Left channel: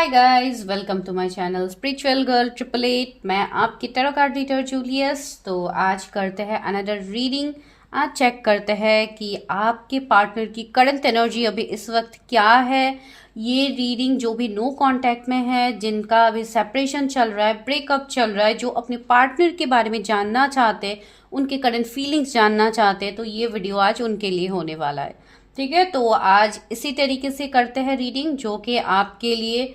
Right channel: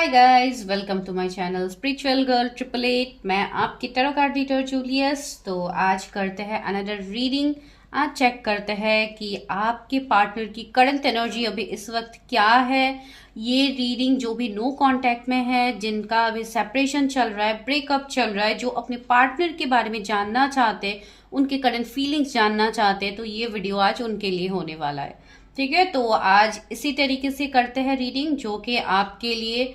Hi guys, welcome to my channel spiritual girl 888। मैं आपकी tarot card reader Julius. तो आज करते हैं अनदर रीडिंग। आज चेक करते हैं कि आपके पार्टनर की करंट एनर्जी अभी इस वक्त क्या है। ये रीडिंग जो भी नो कांटेक्ट में है, जिनका अभी सेपरेशन चल रहा है, ब्रेकअप चल रहा है, जो अपने पार्टनर के बारे में जानना चाहते हैं, उनके करंट फीलिंग्स जानना चाहते हैं, तो ये वीडियो आज उनके लिए होने वाला है। ठीक है, तो आज इसी तरीके से करते हैं रीडिंग, जो कि आपके लिए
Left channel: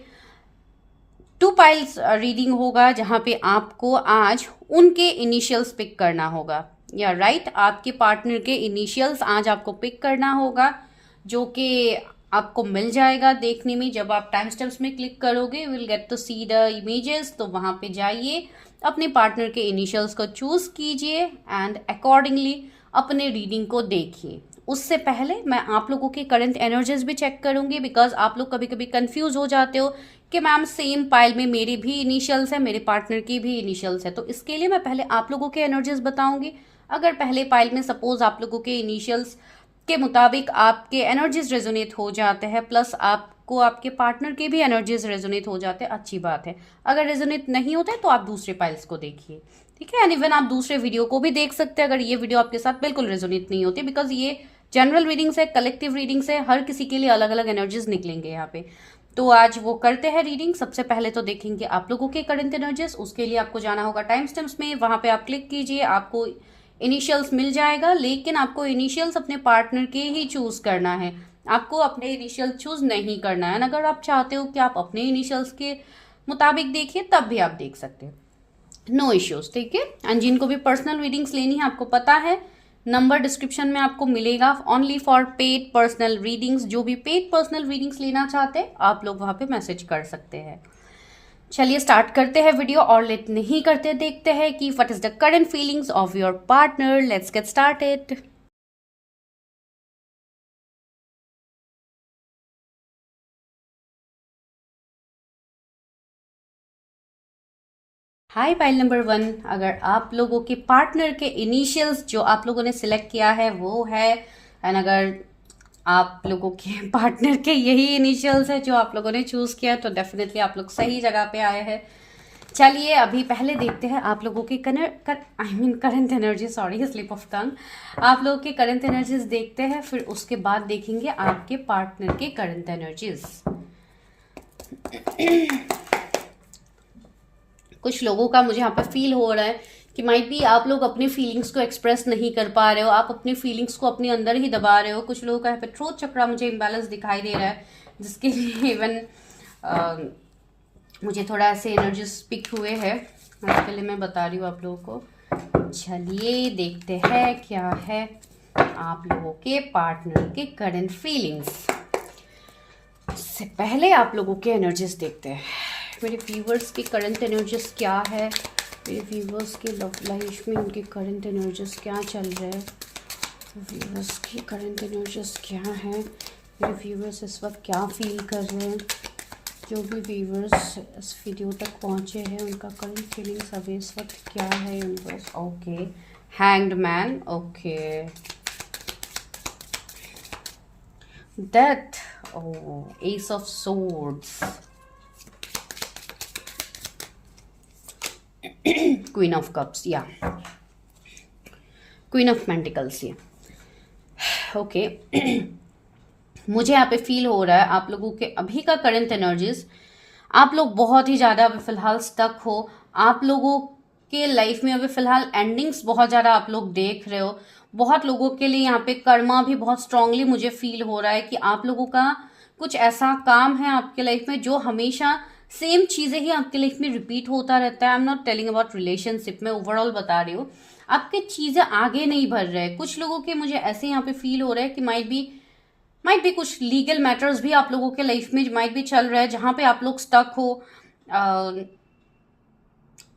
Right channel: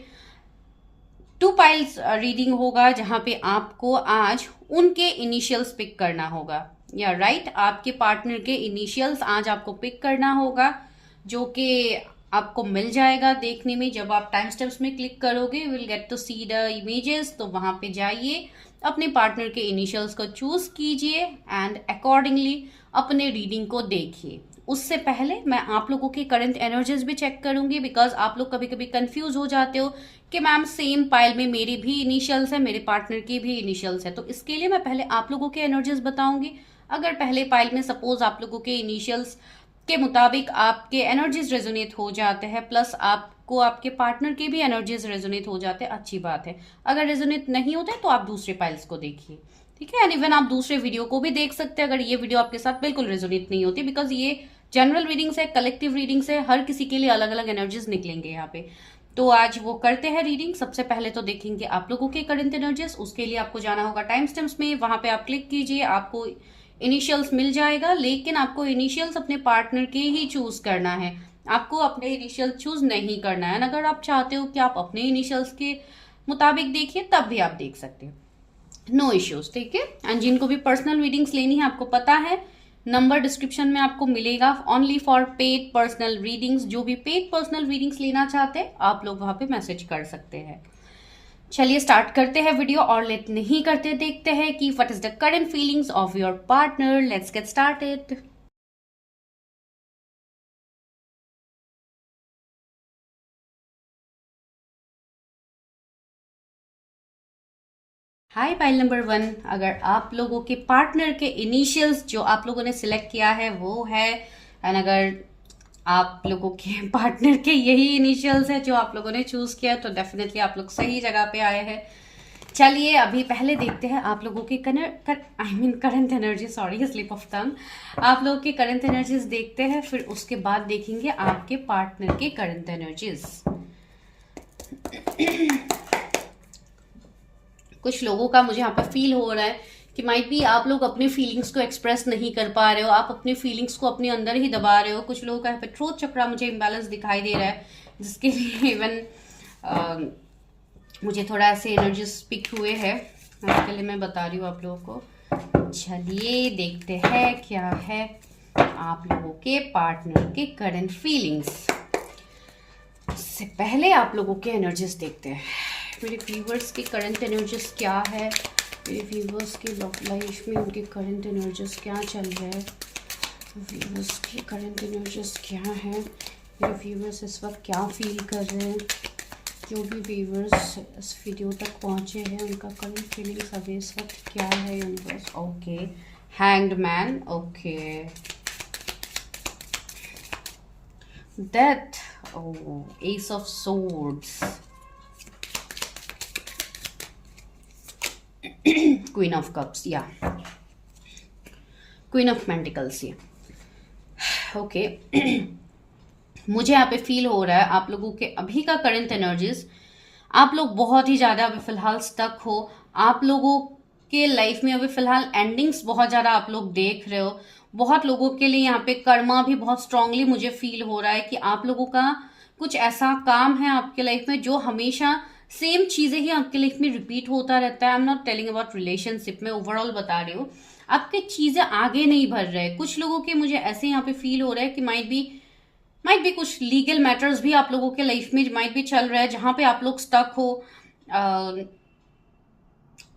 टू पाइल्स रीडिंग होगा, जहां पे आपको आज उनके इनिशियल्स पिक करना होगा। या राइट, आपके पार्टनर के इनिशियल्स आज आपको पिक करना होगा, जो कि आपको मिल जाएगा देखने में। जब आप टाइम स्टेप्स में क्लिक करोगे, will get to see the images. तो वहां पे जाइए, अपने पार्टनर के इनिशियल्स को चूज कीजिए एंड अकॉर्डिंगली अपने रीडिंग को देखिए। उससे पहले मैं आप लोगों की करंट एनर्जीज भी चेक करूंगी, बिकॉज आप लोग कभी कभी कंफ्यूज हो जाते हो कि मैम सेम पाइल में मेरी भी इनिशियल्स है, मेरे पार्टनर की भी इनिशियल्स है। तो इसके लिए मैं पहले आप लोगों के एनर्जीज बताऊंगी। अगर पहले पाइल में सपोज आप लोगों के इनिशियल्स के मुताबिक आपके एनर्जीज रेजोनेट हो जाते हैं, प्लस आपको आपके पार्टनर के भी एनर्जीज रेजोनेट हो जाते हैं, अच्छी बात है। अगर रेजोनेट नहीं होता है तो आप दूसरे पाइल्स को देखिए। ठीक है, एंड इवन आप दूसरे वीडियो को भी देख सकते हैं अगर ये वीडियो आपके साथ बिल्कुल रेजोनेट नहीं होती, बिकॉज ये जनरल रीडिंग्स है, कलेक्टिव रीडिंग्स है, हर किसी के लिए अलग अलग एनर्जीज निकलेंगे यहाँ पे। तो आज वो करते हैं रीडिंग। सबसे पहले तो देखेंगे आप लोगों के करंट एनर्जीज। उसके लिए आपको जाना होगा टाइम स्टैम्प्स में, वहां पे आप क्लिक कीजिए, आपको इनिशियल्स मिल जाएगा। लेकिन आपको इनिशियल्स अपने पार्टनर के ही चूज करना है, आपको अपने इनिशियल चूज नहीं करना है। अगर आप चाहते हो कि आप अपने इनिशियल्स के मुताबिक देखिए, तब भी आप देख सकते हैं, नो इश्यूज। ठीक है, एंड जिनको भी पर्सनल रीडिंग्स लेनी है, आपको पता है नंबर डिस्क्रिप्शन में आपको मिलेगा, only for paid personal readings. जो भी पेड पर्सनल रीडिंग्स लेना चाहते हैं, आप लोग वहां पे मैसेज कर सकते हैं। चलिए स्टार्ट करते हैं वीडियो, और लेट नहीं करते, देखते हैं कि what is the current feelings of your partner. Let's get started. Hi pile number 1। अगर आप लोगों के पार्टनर के इनिशियल्स जो आप लोगों ने सिलेक्ट किया है वो है, एंड अगर आप लोगों के पार्टनर के यही इनिशियल्स है जो आप लोगों ने चूज किया, तो डेफिनेटली आप लोग सही जगह पे आए हैं। चलिए अभी पहले देखते हैं आप लोगों की current energy, sorry slip of tongue. आप लोगों की करंट एनर्जीज देखते हैं, फिर उसके बाद देखेंगे आपके पार्टनर के करंट एनर्जीज। कुछ लोगों का मुझे यहाँ पर फील हो रहा है कि माइट बी आप लोग अपनी फीलिंग्स को एक्सप्रेस नहीं कर पा रहे हो, आप अपनी फीलिंग्स को अपने अंदर ही दबा रहे हो। कुछ लोगों का यहाँ पर थ्रोट चक्रा मुझे इम्बैलेंस दिखाई दे रहा है, जिसके लिए इवन मुझे थोड़ा ऐसे एनर्जी स्पिक हुए हैं, उसके लिए मैं बता रही हूँ आप लोगों को। चलिए देखते हैं क्या है आप लोगों के पार्टनर के करंट फीलिंग्स। इससे पहले आप लोगों के एनर्जीज देखते हैं। मेरे व्यूवर्स की करंट एनर्जीज क्या है, मेरे व्यूवर्स की लव लाइफ में उनकी करंट एनर्जीज क्या चल रहा है, व्यूवर्स की करंट एनर्जीज क्या है, मेरे व्यूवर्स इस वक्त क्या फील कर रहे हैं। जो भी व्यूवर्स इस वीडियो तक पहुंचे हैं, उनका करंट फीलिंग्स अभी इस वक्त क्या है universe. Okay, hanged man, okay, death, S of swords, queen of cups, या क्वीन ऑफ पेंटिकल्स, या ओके। मुझे यहाँ पे फील हो रहा है आप लोगों के अभी का करंट एनर्जीज, आप लोग बहुत ही ज्यादा अभी फिलहाल स्टक हो। आप लोगों के लाइफ में अभी फिलहाल एंडिंग्स बहुत ज्यादा आप लोग देख रहे हो। बहुत लोगों के लिए यहाँ पे कर्मा भी बहुत स्ट्रांगली मुझे फील हो रहा है कि आप लोगों का कुछ ऐसा काम है आपके लाइफ में जो हमेशा सेम चीजें ही आपके लाइफ में रिपीट होता रहता है। I am not telling about relationship, में ओवरऑल बता रही हूँ। आपके चीजें आगे नहीं बढ़ रहे। कुछ लोगों के मुझे ऐसे यहाँ पे फील हो रहा है कि माइट भी कुछ लीगल मैटर्स भी आप लोगों के लाइफ में माइट भी चल रहा है, जहां पे आप लोग स्टक हो।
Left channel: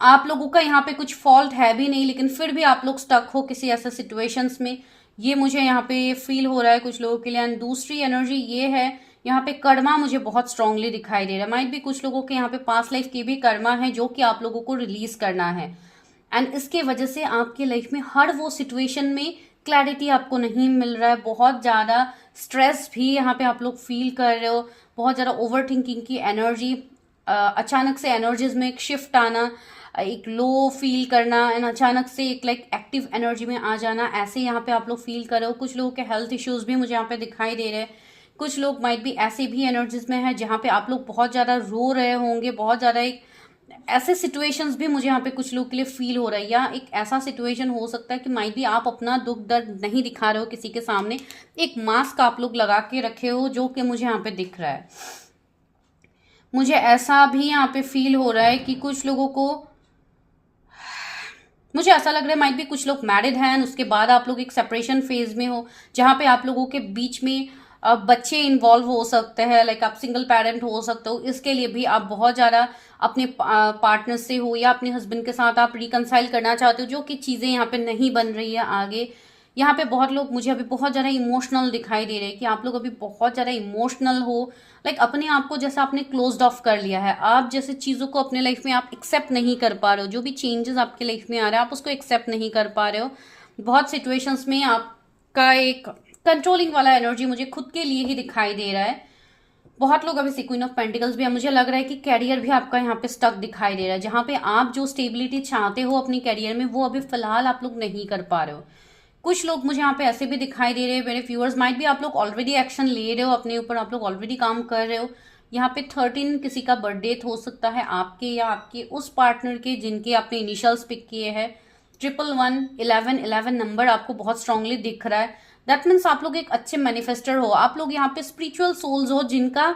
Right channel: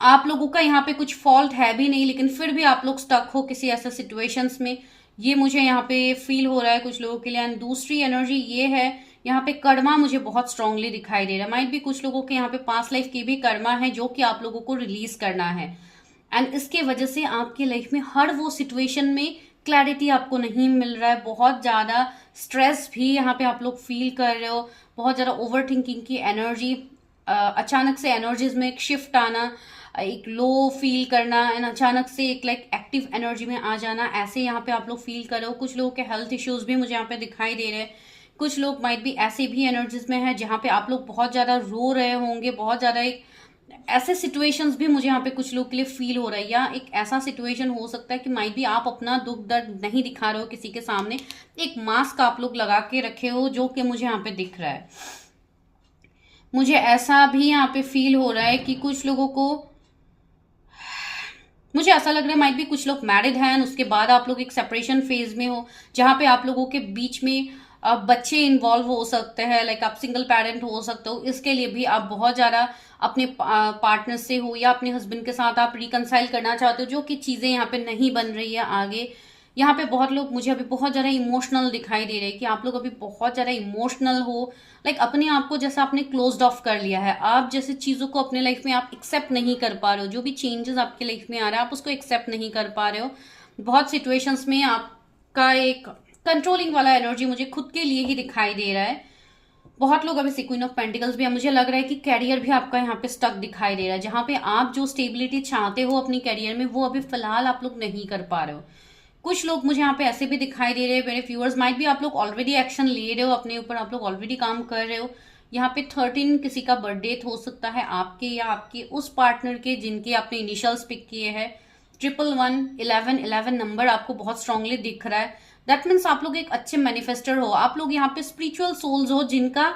आप लोगों का यहाँ पे कुछ फॉल्ट है भी नहीं, लेकिन फिर भी आप लोग स्टक हो किसी ऐसे सिचुएशंस में, ये मुझे यहाँ पे फील हो रहा है कुछ लोगों के लिए। एंड दूसरी एनर्जी ये है, यहाँ पे कर्मा मुझे बहुत स्ट्रांगली दिखाई दे रहा है। माइट भी कुछ लोगों के यहाँ पे पास्ट लाइफ की भी कर्मा है जो कि आप लोगों को रिलीज करना है, एंड इसके वजह से आपके लाइफ में हर वो सिचुएशन में क्लैरिटी आपको नहीं मिल रहा है। बहुत ज्यादा स्ट्रेस भी यहाँ पे आप लोग फील कर रहे हो, बहुत ज्यादा ओवर थिंकिंग की एनर्जी अचानक से एनर्जीज में एक शिफ्ट आना, एक लो फील करना एंड अचानक से एक लाइक एक्टिव एनर्जी में आ जाना, ऐसे यहाँ पे आप लोग फील कर रहे हो। कुछ लोगों के हेल्थ इश्यूज भी मुझे यहाँ पे दिखाई दे रहे हैं। कुछ लोग माइट भी ऐसे भी एनर्जीज में है जहाँ पे आप लोग बहुत ज्यादा रो रहे होंगे, बहुत ज्यादा एक ऐसे सिचुएशंस भी मुझे यहाँ पे कुछ लोग के लिए फील हो रहा है, या एक ऐसा सिचुएशन हो सकता है कि माइट भी आप अपना दुख दर्द नहीं दिखा रहे हो किसी के सामने, एक मास्क आप लोग लगा के रखे हो जो कि मुझे यहाँ पे दिख रहा है। मुझे ऐसा भी यहाँ पे फील हो रहा है कि कुछ लोगों को, मुझे ऐसा लग रहा है माइट भी कुछ लोग मैरिड हैं, उसके बाद आप लोग एक सेपरेशन फेज में हो जहां पे आप लोगों के बीच में बच्चे इन्वॉल्व हो सकते हैं, लाइक आप सिंगल पेरेंट हो सकते हो। इसके लिए भी आप बहुत ज्यादा अपने पार्टनर से हो या अपने हस्बैंड के साथ आप रिकनसाइल करना चाहते हो, जो कि चीजें यहाँ पे नहीं बन रही है आगे। यहाँ पे बहुत लोग मुझे अभी बहुत ज्यादा इमोशनल दिखाई दे रहे हैं कि आप लोग अभी बहुत ज्यादा इमोशनल हो, लाइक अपने आप को जैसा आपने क्लोज्ड ऑफ कर लिया है। आप जैसे चीजों को अपने लाइफ में आप एक्सेप्ट नहीं कर पा रहे हो, जो भी चेंजेस आपके लाइफ में आ रहे हैं आप उसको एक्सेप्ट नहीं कर पा रहे हो। बहुत सिचुएशंस में आपका एक कंट्रोलिंग वाला एनर्जी मुझे खुद के लिए ही दिखाई दे रहा है। बहुत लोग अभी क्वीन ऑफ पेंटिकल्स भी है, मुझे लग रहा है कि कैरियर भी आपका यहाँ पे स्टक दिखाई दे रहा है, जहां पे आप जो स्टेबिलिटी चाहते हो अपनी कैरियर में वो अभी फिलहाल आप लोग नहीं कर पा रहे हो। कुछ लोग मुझे यहाँ पे ऐसे भी दिखाई दे रहे हैं, मेरे व्यूअर्स माइट भी आप लोग ऑलरेडी एक्शन ले रहे हो अपने ऊपर, आप लोग ऑलरेडी काम कर रहे हो। यहाँ पे 13 किसी का बर्थडे हो सकता है आपके या आपके उस पार्टनर के जिनके आपने इनिशियल्स पिक किए हैं। 111 11 नंबर आपको बहुत स्ट्रांगली दिख रहा है। दैट मीन्स आप लोग एक अच्छे मैनिफेस्टर हो, आप लोग यहाँ पे स्पिरिचुअल सोल्स हो जिनका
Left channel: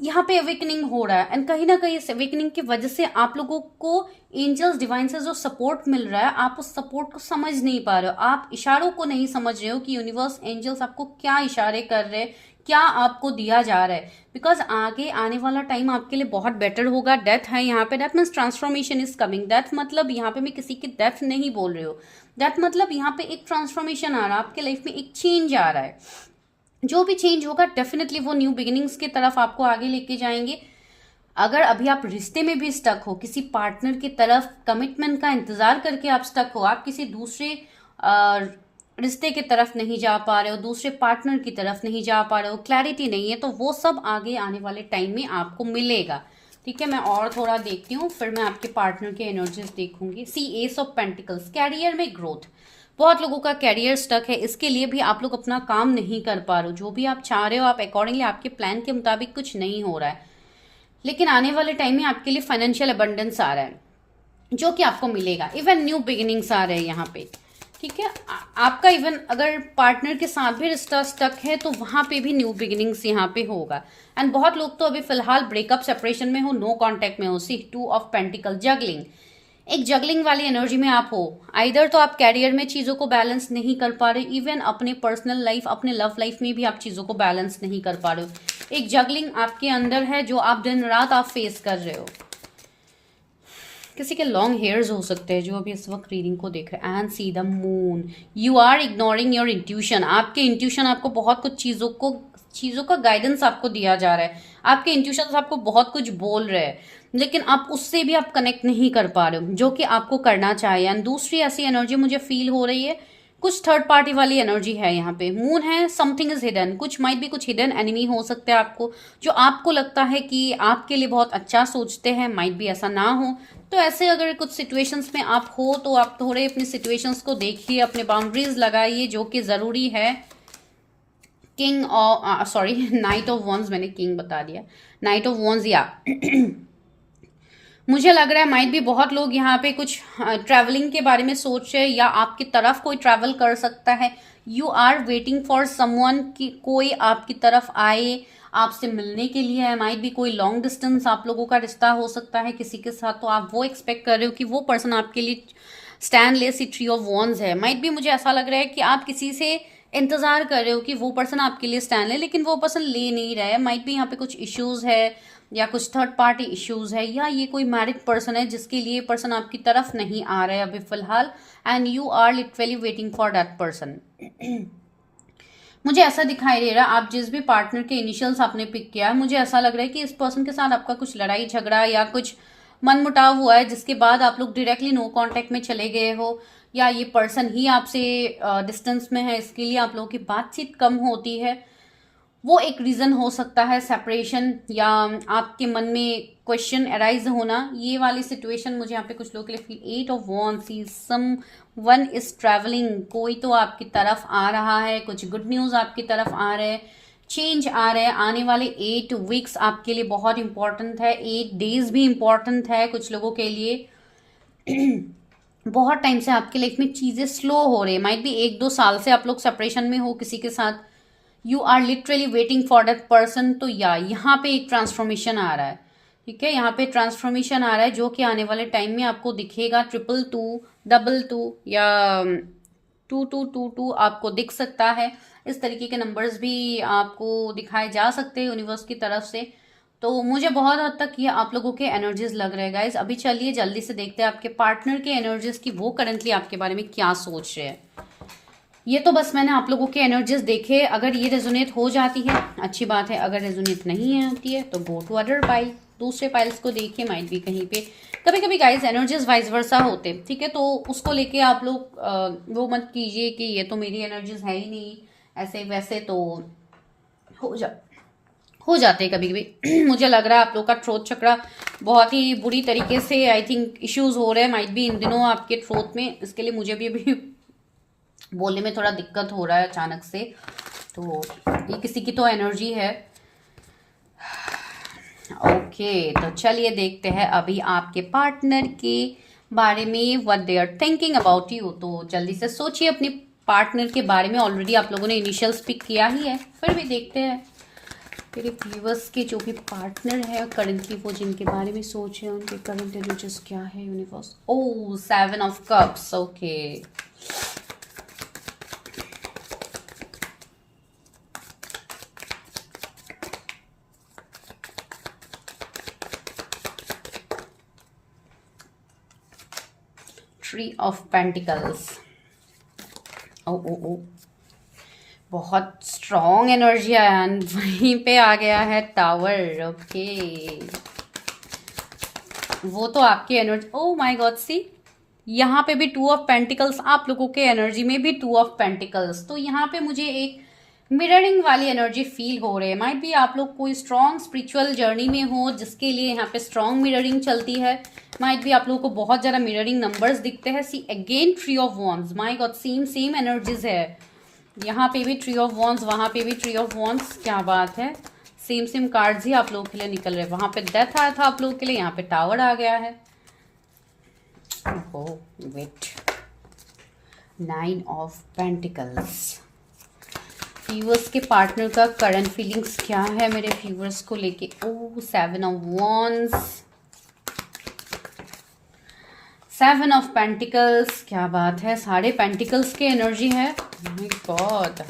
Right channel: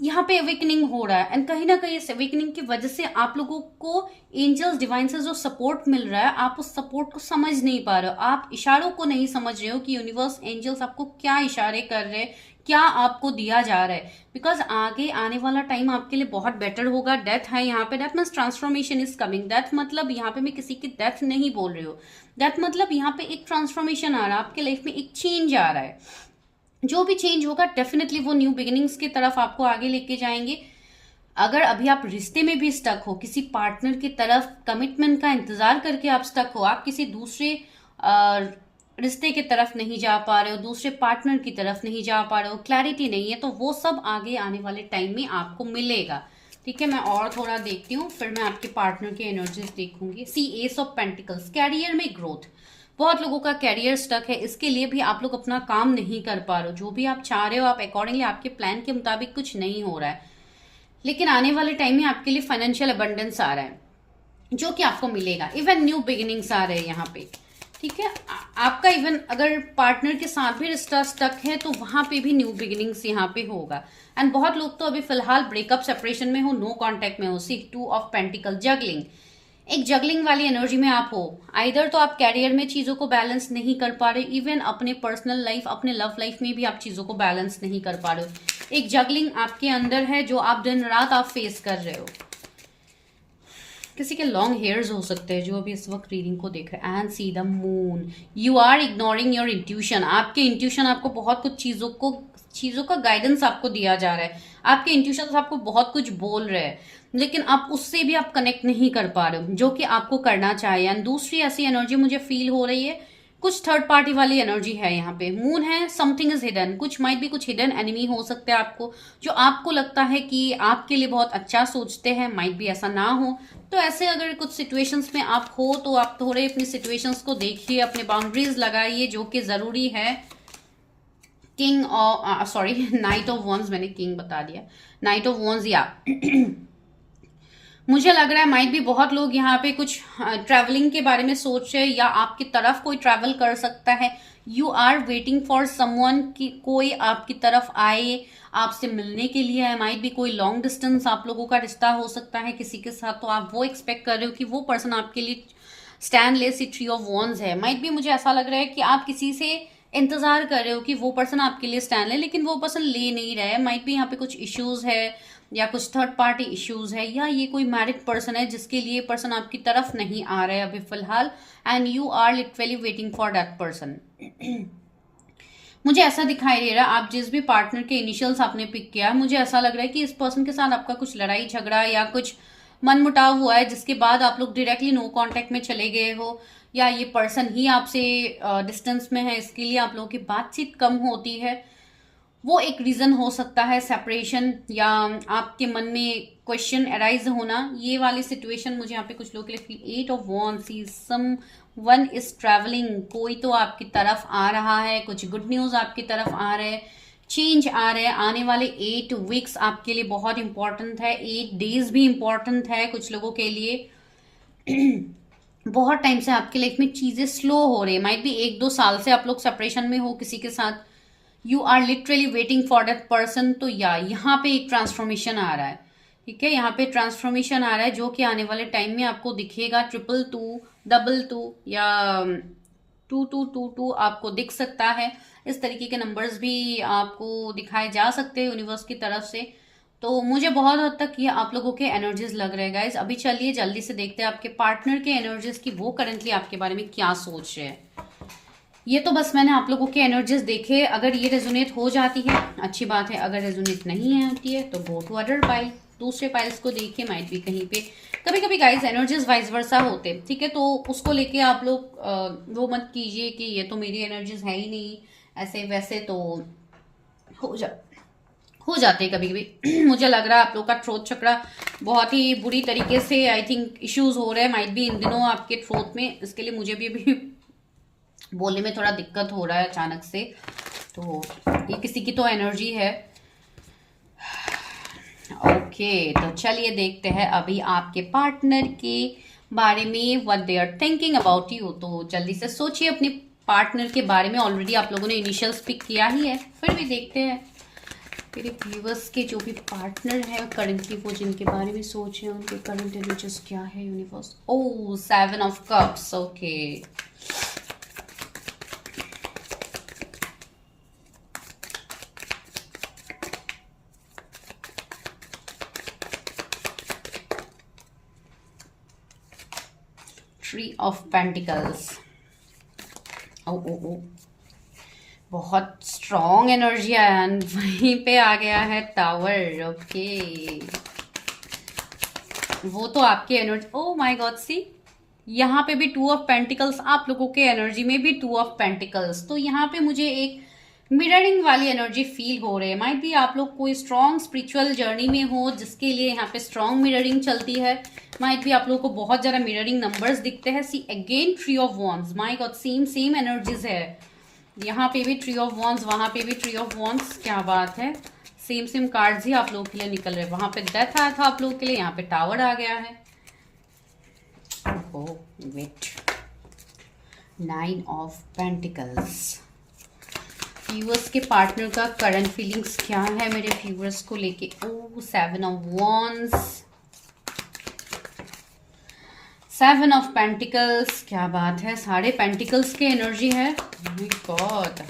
यहाँ पे अवेकनिंग हो रहा है। एंड कहीं ना कहीं इस अवेकनिंग की वजह से आप लोगों को एंजल्स डिवाइन से जो सपोर्ट मिल रहा है, आप उस सपोर्ट को समझ नहीं पा रहे हो, आप इशारों को नहीं समझ रहे हो कि यूनिवर्स एंजल्स आपको क्या इशारे कर रहे हैं, क्या आपको दिया जा रहा है। बिकॉज आगे आने वाला टाइम आपके लिए बहुत बेटर होगा। डेथ है यहाँ पे, that means transformation is coming. Death मतलब यहाँ पे मैं किसी की डेथ नहीं बोल रही हूँ, डेथ मतलब यहाँ पे एक ट्रांसफॉर्मेशन आ रहा है, आपके लाइफ में एक चेंज आ रहा है। जो भी चेंज होगा डेफिनेटली वो न्यू बिगिनिंग्स की तरफ आपको आगे लेके जाएंगे। अगर अभी आप रिश्ते में भी स्टक हो, किसी पार्टनर की तरफ कमिटमेंट का इंतजार करके आप स्टक हो, आप किसी दूसरे रिश्ते की तरफ नहीं जा पा रहे हो, दूसरे पार्टनर की तरफ नहीं जा पा रहे हो, क्लैरिटी नहीं है, तो वो सब आगे आने वाले टाइम में आपको मिलेगा। ठीक है, मैं और थोड़ा देखती हूँ, फिर मैं आपके पार्टनर के एनर्जीज देखूंगी। See ace of pentacles, career में ग्रोथ, बहुत लोगों का कैरियर स्टक है, इसके लिए भी आप लोग अपना काम नहीं कर पा रहे हो। जो भी आप चाह रहे हो आप अकॉर्डिंगली आपके प्लान के मुताबिक कुछ नहीं हो रहा है, लेकिन आने वाले टाइम में आपके लिए फाइनेंशियल अबंडेंस आ रहा है जो कि आपको मिलेगा। इवन न्यू बिगिनिंग्स आ रहे हैं यहाँ पे। ठीक है, आपका इवन अगर पार्टनर के साथ भी रिश्ता स्टक है तो वहां पे भी न्यू बिगिनिंग्स यहाँ पे होगा। एंड बहुत लोग तो अभी फिलहाल ब्रेकअप सेपरेशन में हो, नो कांटेक्ट में हो। सी 2 ऑफ पेंटिकल, जगलिंग, एक जगलिंग वाली एनर्जी में आप हो। आइदर तो आप कैरियर में चीजों को बैलेंस नहीं कर पा रहे, इवन अपने पर्सनल लाइफ, अपने लव लाइफ में भी आप चीजों को बैलेंस नहीं कर पा रहे हो। एक जगलिंग आपके अंदर है जो आप दिन रात आप फेस कर रहे हो। किसी के लॉन्ग हेयर्स हो सकते हैं जो अभी इस वक्त रीडिंग को देख रहे हैं। And see the moon, you are ignoring your intuition. आपके इंट्यूशन आपको बहुत कुछ चीजों का गाइडेंस आपको दिया जा रहा है, आपके इंट्यूशन आपको बहुत कुछ बोल रहे हैं, लेकिन आप उससे भी आप कनेक्ट नहीं कर पा रहे हो जो कि आपको करना चाहिए। एंड दूसरी ऐसी एनर्जी मुझे फील हो रही है, कुछ थर्ड पार्टी वाली एनर्जी है यहाँ पे। मून है, समथिंग इज हिडन, कुछ माइट भी कुछ हिडन एनिमी हो सकते हैं आपको, जो आपको लगता है कि आपके लिए बहुत अच्छा सोचते हैं, माइट भी ऐसा ना हो। तो ऐसे अगर कुछ सिचुएशंस में आप हो तो आप थोड़े अपनी सिचुएशंस को देखिए, अपने बाउंड्रीज लगाइए जो कि जरूरी है। King sorry night of wands, मैंने किंग बता दिया, नाइट ऑफ वॉन्स। या मुझे लग रहा है माइट भी बहुत लोग यहाँ पे कुछ ट्रैवलिंग के बारे में सोच रहे हैं, या आपकी तरफ कोई ट्रैवल कर सकता है। You are waiting for someone कि कोई आपकी तरफ आए आपसे मिलने के लिए है। माइट भी कोई लॉन्ग डिस्टेंस आप लोगों का रिश्ता हो सकता है किसी के साथ, तो आप वो एक्सपेक्ट कर रहे हो कि वो पर्सन आपके लिए स्टैंड ले। सी 3 ऑफ वॉन्स है, माइट भी मुझे ऐसा लग रहा है कि आप किसी से इंतजार कर रहे हो कि वो पर्सन आपके लिए स्टैंड ले, लेकिन वो पर्सन ले नहीं रहा है। माइट भी यहाँ पे कुछ इश्यूज है, या कुछ थर्ड पार्टी इश्यूज है, या ये कोई मैरिड पर्सन है जिसके लिए पर्सन आपकी तरफ नहीं आ रहा है अभी फिलहाल। And you are literally waiting for that person. मुझे ऐसा दिखाई दे रहा है, आप जिस भी पार्टनर के इनिशियल्स आपने पिक किया, मुझे ऐसा लग रहा है कि इस पर्सन के साथ आपका कुछ लड़ाई झगड़ा या कुछ मनमुटाव हुआ है, जिसके बाद आप लोग डायरेक्टली नो कांटेक्ट में चले गए हो, या ये पर्सन ही आपसे डिस्टेंस में है, इसके लिए आप लोगों की बातचीत कम होती है। वो एक रीजन हो सकता है, सेपरेशन या आपके मन में क्वेश्चन अराइज होना। ये वाली सिचुएशन मुझे यहाँ पे कुछ लोगों के लिए feel, 8 of Wands, someone is travelling, कोई तो आपकी तरफ आ रहा है, कुछ गुड न्यूज आपकी तरफ आ रहे हैं, चेंज आ रहे हैं। आने वाले 8 weeks आपके लिए बहुत इंपॉर्टेंट है, 8 days भी इंपॉर्टेंट है कुछ लोगों के लिए। बहुत टाइम से आपके लाइफ में चीजें स्लो हो रही है, माइट भी 1-2 साल से आप लोग सेपरेशन में हो किसी के साथ, you are literally waiting for that person. तो या यहाँ पे एक ट्रांसफॉर्मेशन आ रहा है, ठीक है, यहाँ पे ट्रांसफॉर्मेशन आ रहा है जो कि आने वाले टाइम में आपको दिखेगा। 222, 22 या 2222 आपको दिख सकता है। इस तरीके के नंबर्स भी आपको दिखाए जा सकते हैं यूनिवर्स की तरफ से। तो मुझे बहुत हद तक ये आप लोगों के एनर्जीज लग रहे हैं गाइज। अभी चलिए जल्दी से देखते हैं आपके पार्टनर के एनर्जीज की, वो करंटली आपके बारे में क्या सोच रहे हैं। ये तो बस मैंने आप लोगों के एनर्जीज देखे, अगर ये रेजोनेट हो जाती है अच्छी बात है, अगर रेजोनेट नहीं होती है तो गो टू अदर पाइल, दूसरे पाइल्स को देखिए, माइट भी कहीं पे कभी कभी गाइस एनर्जीज वाइस वर्सा होते, ठीक है, तो उसको लेके आप लोग वो मत कीजिए कि ये तो मेरी एनर्जीज है ही नहीं, ऐसे वैसे तो हो जा हो जाते हैं कभी कभी। मुझे लग रहा है आप लोग का थ्रोट चक्रा बहुत ही बुरी तरीके से आई थिंक इश्यूज हो रहे हैं, माइट भी इन दिनों आपके थ्रोट में, इसके लिए मुझे भी अभी बोलने में थोड़ा दिक्कत हो रहा है अचानक से। तो ये किसी की तो एनर्जी है। ओके तो चलिए देखते हैं अभी आपके पार्टनर के बारे में, what they are thinking about you. तो जल्दी से सोचिए अपने पार्टनर के बारे में, ऑलरेडी आप लोगों ने इनिशियल्स पिक किया ही है, फिर भी देखते हैं मेरे व्यूअर्स के जो भी पार्टनर है करंटली, वो जिनके बारे में सोच रहे हैं उनके करंट एनर्जीज क्या है universe. Oh 7 of Cups, okay Three of Pentacles, ओ ओ ओ बहुत स्ट्रॉन्ग एनर्जी आया, वहीं पे आ गया है टावर। ओके वो तो आपकी एनर्जी, ओ माय गॉड सी यहाँ पे भी 2 of Pentacles, आप लोगों के एनर्जी में भी 2 of Pentacles। तो यहाँ पे मुझे एक मिररिंग वाली एनर्जी फील हो रही है, माइट भी आप लोग कोई स्ट्रॉन्ग स्पिरिचुअल जर्नी में हो जिसके लिए यहाँ पे स्ट्रॉन्ग मिररिंग चलती है। माइट भी आप लोगों को बहुत ज्यादा मिररिंग नंबर्स दिखते हैं। See again 3 of Wands, my god same same energies है, यहाँ पे भी 3 of Wands, वहां पे भी 3 of Wands, क्या बात है, सेम सेम कार्ड्स ही आप लोगों के लिए निकल रहे हैं। वहां पे डेथ आया था आप लोगों के लिए, यहाँ पे टावर आ गया है। Oh wait, 9 of Pentacles। Viewers के पार्टनर का करंट फीलिंग्स क्या है मेरे व्यूअर्स को लेके। ओह 7 of Wands, 7 of Pentacles, क्या बात है, सारे पेंटिकल्स के एनर्जी है, गॉड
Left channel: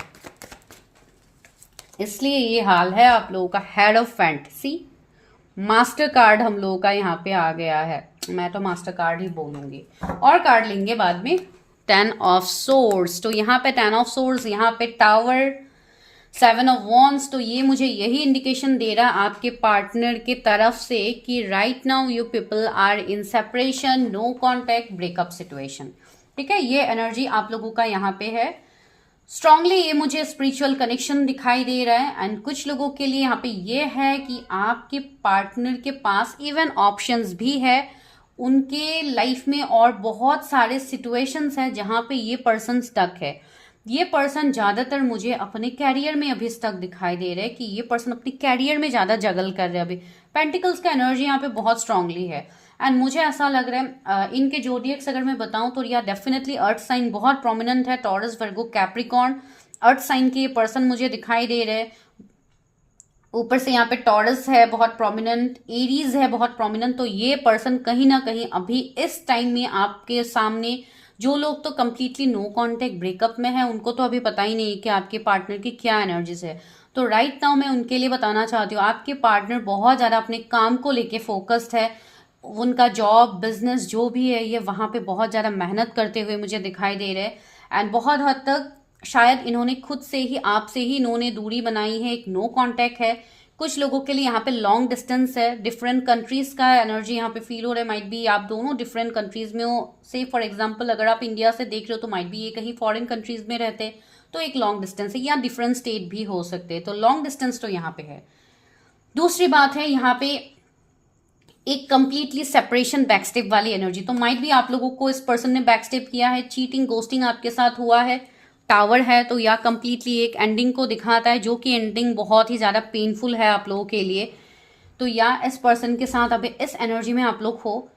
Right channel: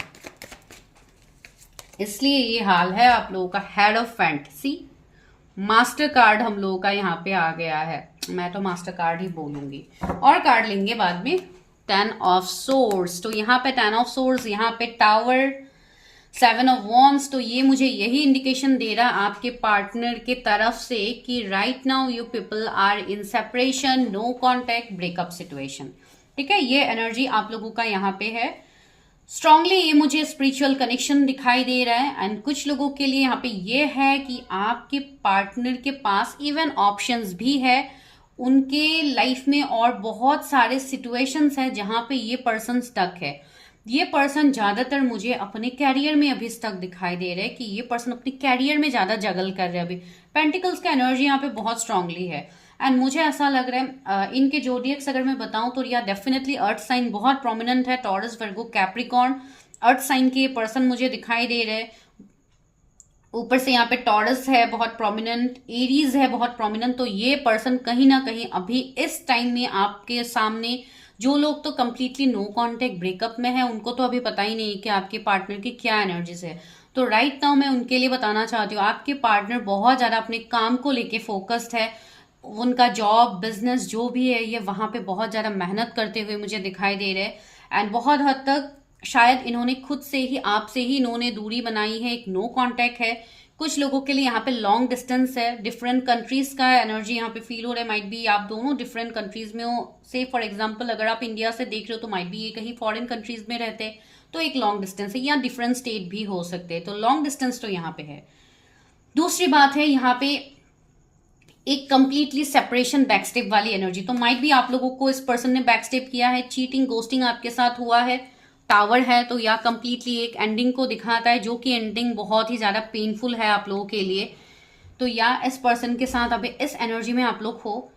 इसलिए ये हाल है आप लोगों का। Head of fantasy, master card हम लोगों का यहाँ पे आ गया है, मैं तो मास्टर कार्ड ही बोलूंगी, और कार्ड लेंगे बाद में। 10 of Swords, तो यहाँ पे 10 of Swords, यहाँ पे टावर, 7 of Wands। तो ये मुझे यही इंडिकेशन दे रहा है आपके पार्टनर के तरफ से कि right now you people are in separation, no contact, breakup situation, ठीक है, ये एनर्जी आप लोगों का यहाँ पे है स्ट्रांगली। ये मुझे स्पिरिचुअल कनेक्शन दिखाई दे रहा है। एंड कुछ लोगों के लिए यहाँ पे ये है कि आपके पार्टनर के पास इवन ऑप्शंस भी है उनके लाइफ में, और बहुत सारे सिचुएशंस है जहां पे ये पर्सन स्टक है। ये पर्सन ज्यादातर मुझे अपने कैरियर में अभी स्टक दिखाई दे रहा है, कि ये पर्सन अपने कैरियर में ज्यादा जगल कर रहे हैं अभी। पेंटिकल्स का एनर्जी यहाँ पे बहुत स्ट्रांगली है। एंड मुझे ऐसा लग रहा है इनके जोडियक्स अगर मैं बताऊं तो या डेफिनेटली अर्थ साइन बहुत प्रोमिनेंट है, टॉरस, वर्गो, कैप्रिकॉर्न, अर्थ साइन के ये पर्सन मुझे दिखाई दे रहे हैं। ऊपर से यहाँ पे टॉरस है बहुत प्रोमिनेंट, एरीज है बहुत प्रोमिनेंट। तो ये पर्सन कहीं ना कहीं अभी इस टाइम में आपके सामने, जो लोग तो कंप्लीटली नो कॉन्टेक्ट ब्रेकअप में है उनको तो अभी पता ही नहीं कि आपके पार्टनर की क्या एनर्जीज है। तो राइट नाउ मैं उनके लिए बताना चाहती हूँ आपके पार्टनर बहुत ज्यादा अपने काम को लेके फोकस्ड है, उनका जॉब बिजनेस जो भी है ये वहां पे बहुत ज्यादा मेहनत करते हुए मुझे दिखाई दे रहे हैं। एंड बहुत हद तक शायद इन्होंने खुद से ही, आपसे ही इन्होंने दूरी बनाई है, एक नो कांटेक्ट है। कुछ लोगों के लिए यहाँ पे लॉन्ग डिस्टेंस है, डिफरेंट कंट्रीज का एनर्जी यहाँ पे फील हो रहा है। माइट बी आप दोनों डिफरेंट कंट्रीज में हो, से फॉर एग्जांपल अगर आप इंडिया से देख रहे हो तो माइट बी ये कहीं फॉरेन कंट्रीज में रहते हैं, तो एक लॉन्ग डिस्टेंस है, या डिफरेंट स्टेट भी हो सकते हैं, तो लॉन्ग डिस्टेंस तो यहाँ पे है। दूसरी बात है यहाँ पे एक कंप्लीटली सेपरेशन, बैकस्टेप वाली एनर्जी, तो माइट भी आप लोगों को इस पर्सन ने बैकस्टेप किया है, चीटिंग गोस्टिंग आपके साथ हुआ है, टावर है, तो या कंप्लीटली एक एंडिंग को दिखाता है, जो कि एंडिंग बहुत ही ज्यादा पेनफुल है आप लोगों के लिए। तो या इस पर्सन के साथ अभी इस एनर्जी में आप लोग हो,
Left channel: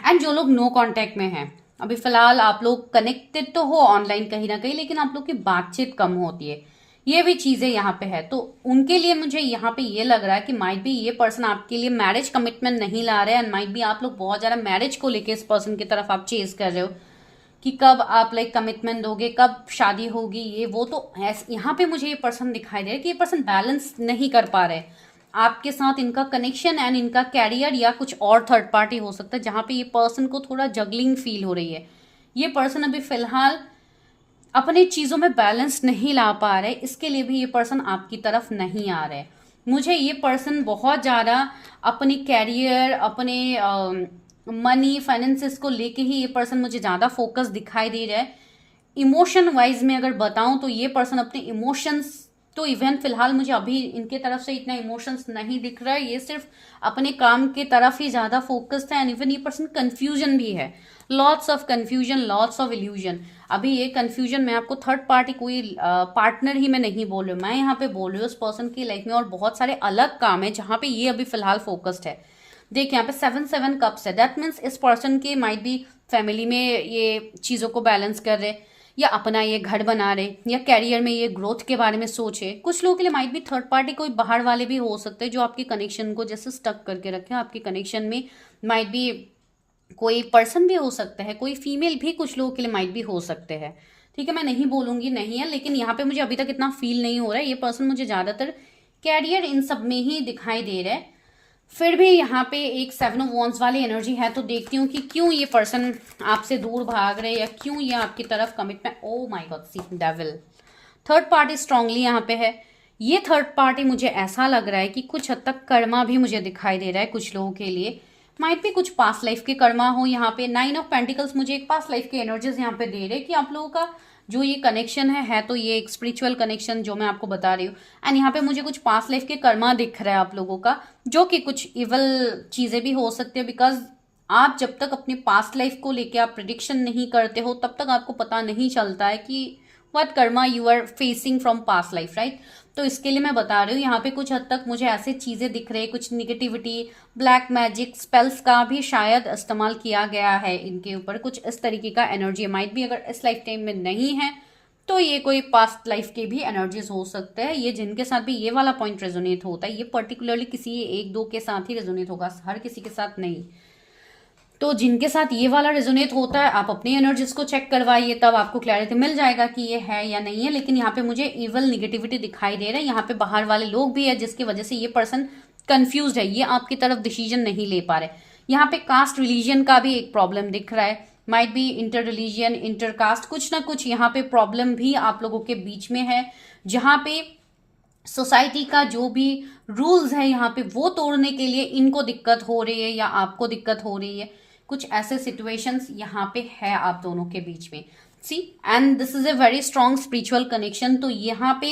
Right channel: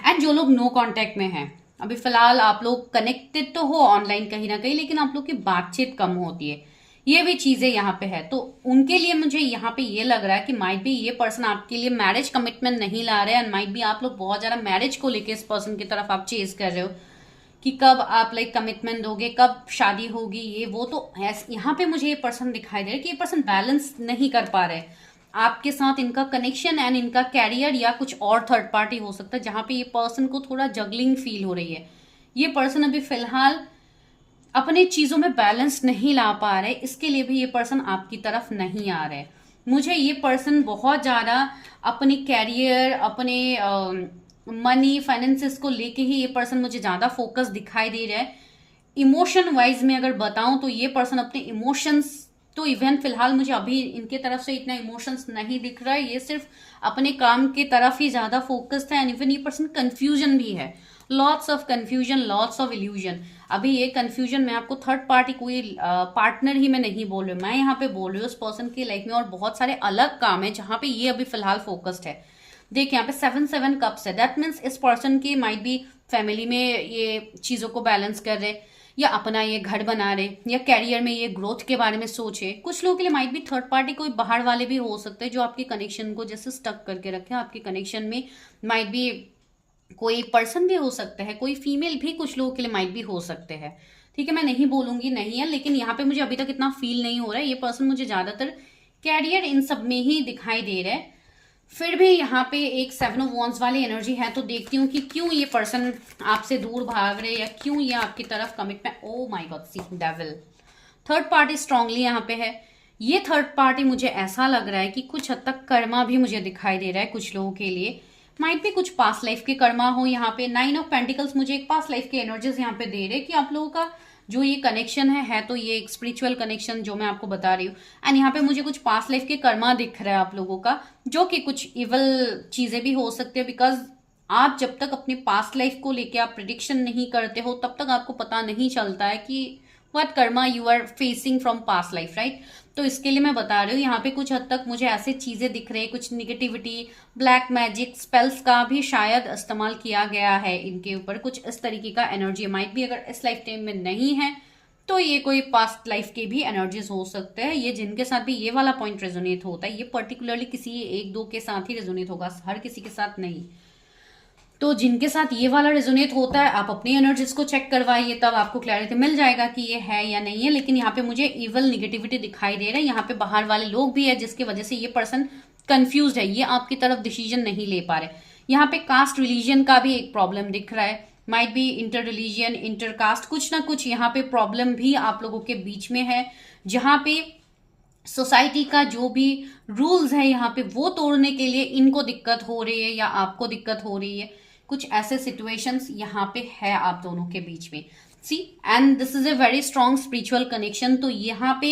एंड जो लोग नो कांटेक्ट में हैं अभी फिलहाल, आप लोग कनेक्टेड तो हो ऑनलाइन कहीं ना कहीं, लेकिन आप लोग की बातचीत कम होती है, ये भी चीजें यहाँ पे है। तो उनके लिए मुझे यहाँ पे ये लग रहा है कि माइट भी ये पर्सन आपके लिए मैरिज कमिटमेंट नहीं ला रहे हैं, एंड माइट भी आप लोग बहुत ज्यादा मैरिज को लेके इस पर्सन की तरफ आप चेज कर रहे हो कि कब आप लाइक कमिटमेंट दोगे, कब शादी होगी, ये वो। तो यहाँ पे मुझे ये पर्सन दिखाई दे रहा है कि ये पर्सन बैलेंस नहीं कर पा रहे आपके साथ इनका कनेक्शन एंड इनका कैरियर, या कुछ और थर्ड पार्टी हो सकता है जहां पे ये पर्सन को थोड़ा जगलिंग फील हो रही है। ये पर्सन अभी फिलहाल अपने चीजों में बैलेंस नहीं ला पा रहे, इसके लिए भी ये पर्सन आपकी तरफ नहीं आ रहे। मुझे ये पर्सन बहुत ज्यादा अपने कैरियर, अपने मनी फाइनेंसेस को लेके ही ये पर्सन मुझे ज्यादा फोकस दिखाई दे रहा है। इमोशन वाइज में अगर बताऊं तो ये पर्सन अपने इमोशंस, तो इवन फिलहाल मुझे अभी इनके तरफ से इतना इमोशंस नहीं दिख रहा है, ये सिर्फ अपने काम की तरफ ही ज्यादा फोकस्ड है। एंड इवन ये पर्सन कंफ्यूजन भी है, lots of confusion, lots of illusion. अभी ये कंफ्यूजन मैं आपको थर्ड पार्टी कोई पार्टनर ही मैं नहीं बोल रही हूँ, मैं यहाँ पे बोल रही हूँ उस पर्सन की लाइफ में और बहुत सारे अलग काम है जहां पे ये अभी फिलहाल फोकस्ड है। देखिए यहाँ पे 7 कप्स है, दैट मीन्स इस पर्सन की माइट बी फैमिली में ये चीजों को बैलेंस कर रहे, या अपना ये घर बना रहे, या कैरियर में ये ग्रोथ के बारे में सोचे। कुछ लोगों के लिए माइट भी थर्ड पार्टी कोई बाहर वाले भी हो सकते हैं जो आपके कनेक्शन को जैसे स्टक करके रखे। आपके कनेक्शन में माइट भी कोई पर्सन भी हो सकता है, कोई फीमेल भी कुछ लोगों के लिए माइट भी हो सकते हैं। ठीक है, मैं नहीं बोलूंगी नहीं है, लेकिन यहाँ पे मुझे अभी तक इतना फील नहीं हो रहा है। ये पर्सन मुझे ज्यादातर कैरियर इन सब में ही दिखाई दे रहा है। फिर भी यहाँ पे एक 7 ऑफ वॉन्ड्स वाली एनर्जी है, तो देखती हूँ कि क्यों ये पर्सन आपसे दूर भाग रहे, या क्यों ये आपकी तरफ commitment. Oh my God, see devil, third party strongly यहाँ पे है। ये थर्ड पार्टी मुझे ऐसा लग रहा है कि कुछ हद तक कर्मा भी मुझे दिखाई दे रहा है कुछ लोगों के लिए, माइट भी कुछ पास्ट लाइफ के कर्मा हो। यहाँ पे 9 ऑफ पेंटिकल्स मुझे एक पास्ट लाइफ की एनर्जीज यहाँ पे दे रहे कि आप लोगों का जो ये कनेक्शन है तो ये एक स्पिरिचुअल कनेक्शन जो मैं आपको बता रही हूँ। एंड यहाँ पे मुझे कुछ पास्ट लाइफ के कर्मा दिख रहा है आप लोगों का, जो कि कुछ इवल चीजें भी हो सकती है, बिकॉज आप जब तक अपनी पास्ट लाइफ को लेके आप प्रिडिक्शन नहीं करते हो तब तक आपको पता नहीं चलता है कि what karma you are facing from past life, right. तो इसके लिए मैं बता रही हूँ यहाँ पे कुछ हद तक मुझे ऐसे चीजें दिख रही है, कुछ निगेटिविटी, ब्लैक मैजिक स्पेल्स का भी शायद इस्तेमाल किया गया है इनके ऊपर, कुछ इस तरीके का एनर्जी माइट भी अगर इस लाइफ टाइम में नहीं है तो ये कोई पास्ट लाइफ के भी एनर्जीज हो सकते हैं। ये जिनके साथ भी ये वाला पॉइंट रेजोनेट होता है, ये पर्टिकुलरली किसी एक दो के साथ ही रेजोनेट होगा, हर किसी के साथ नहीं। तो जिनके साथ ये वाला रेजोनेट होता है आप अपनी एनर्जीज को चेक करवाइए, तब आपको क्लैरिटी मिल जाएगा कि ये है या नहीं है। लेकिन यहाँ पे मुझे इवल निगेटिविटी दिखाई दे रहा है, यहाँ पे बाहर वाले लोग भी है जिसकी वजह से ये पर्सन कंफ्यूज है, ये आपकी तरफ डिसीजन नहीं ले पा रहे। यहाँ पे कास्ट रिलीजन का भी एक प्रॉब्लम दिख रहा है, might be inter religion, inter caste, कुछ ना कुछ यहाँ पे प्रॉब्लम भी आप लोगों के बीच में है, जहां पे सोसाइटी का जो भी रूल्स है यहाँ पे वो तोड़ने के लिए इनको दिक्कत हो रही है या आपको दिक्कत हो रही है। कुछ ऐसे सिचुएशंस यहाँ पे है आप दोनों के बीच में, see, and this is a very strong spiritual connection. तो यहाँ पे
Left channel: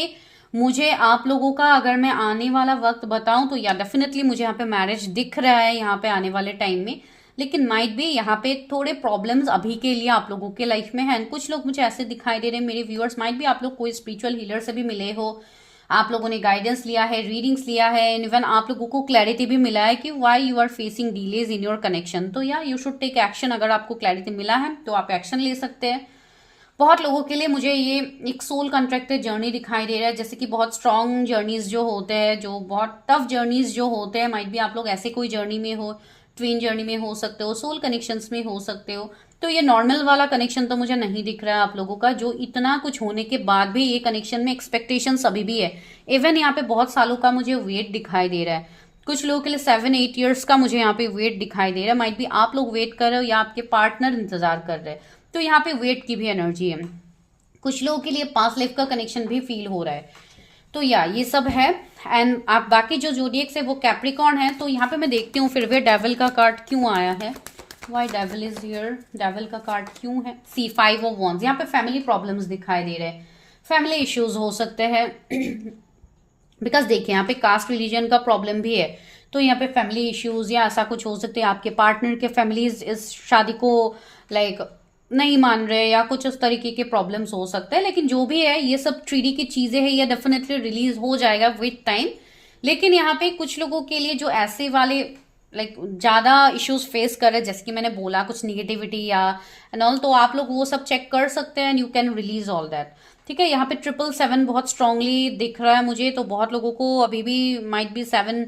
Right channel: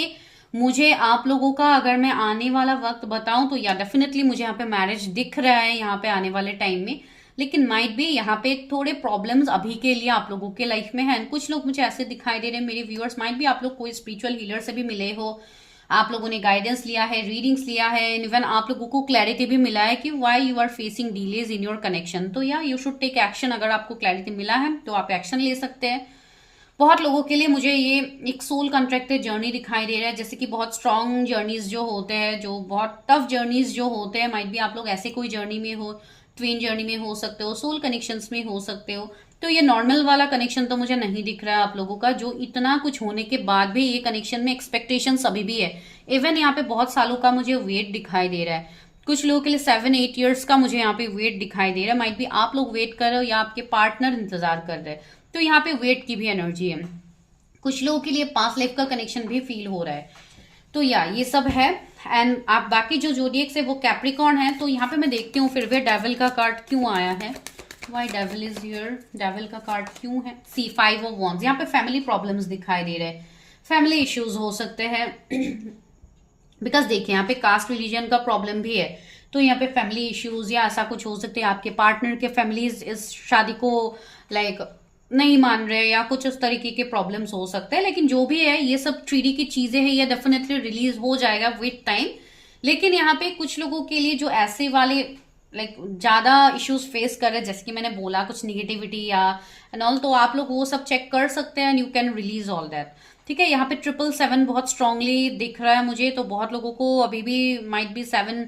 मुझे आप लोगों का अगर मैं आने वाला वक्त बताऊं तो या डेफिनेटली मुझे यहाँ पे मैरिज दिख रहा है यहाँ पे आने वाले टाइम में, लेकिन माइट भी यहाँ पे थोड़े प्रॉब्लम्स अभी के लिए आप लोगों के लाइफ में हैं। कुछ लोग मुझे ऐसे दिखाई दे रहे हैं मेरे व्यूअर्स, माइट भी आप लोग कोई स्पिरिचुअल हीलर से भी मिले हो, आप लोगों ने गाइडेंस लिया है, रीडिंग्स लिया है, इवन आप लोगों को क्लैरिटी भी मिला है कि why you are facing delays in your connection. तो या यू शुड टेक एक्शन, अगर आपको क्लैरिटी मिला है तो आप एक्शन ले सकते हैं। बहुत लोगों के लिए मुझे ये एक सोल कॉन्ट्रैक्टेड जर्नी दिखाई दे रहा है, जैसे कि बहुत स्ट्रॉन्ग जर्नीज जो होते हैं, जो बहुत टफ जर्नीज जो होते हैं, माइट भी आप लोग ऐसे कोई जर्नी में हो, ट्विन जर्नी में हो सकते हो, सोल कनेक्शंस में हो सकते हो। तो ये नॉर्मल वाला कनेक्शन तो मुझे नहीं दिख रहा है आप लोगों का, जो इतना कुछ होने के बाद भी ये कनेक्शन में एक्सपेक्टेशंस अभी भी है। इवन यहाँ पे बहुत सालों का मुझे वेट दिखाई दे रहा है, कुछ लोगों के लिए 7-8 ईयर्स का मुझे यहाँ पे वेट दिखाई दे रहा है। माइट भी आप लोग वेट कर रहे हो या आपके पार्टनर इंतजार कर रहे हैं, तो यहाँ पे वेट की भी एनर्जी है। कुछ लोगों के लिए पास्ट लाइफ का कनेक्शन भी फील हो रहा है। तो या ये सब है। एंड आप बाकी जो जोडिएक्स है वो कैप्रिकॉर्न है। तो यहाँ पे मैं देखती हूँ फिर भी डेविल का कार्ड क्यों आया है, why devil is here, devil का कार्ड क्यों है। सी 5 ऑफ वॉन्ड्स, यहाँ पे फैमिली प्रॉब्लम्स दिखाई दे रहे हैं, फैमिली इश्यूज हो सकते हैं बिकॉज देखिए यहाँ पे कास्ट रिलीजन का प्रॉब्लम भी है, तो यहाँ पे फैमिली इश्यूज या ऐसा कुछ हो सकते हैं। आपके पार्टनर के फैमिलीज इस शादी को लाइक नहीं मान रहे या कुछ उस तरीके के प्रॉब्लम्स हो सकते हैं। लेकिन जो भी है ये सब ट्रीडी की चीजें हैं, ये डेफिनेटली रिलीज हो जाएगा विद टाइम। लेकिन यहाँ पे कुछ लोगों के लिए जो ऐसे वाले लाइक ज्यादा इश्यूज फेस कर रहे हैं, जैसे कि मैंने बोला कुछ निगेटिविटी या एंड ऑल, तो आप लोग वो सब चेक कर सकते हैं and you can release all that. ठीक है, यहाँ पे 777 बहुत स्ट्रांगली दिख रहा है मुझे, तो बहुत लोगों को अभी भी माइट बी 7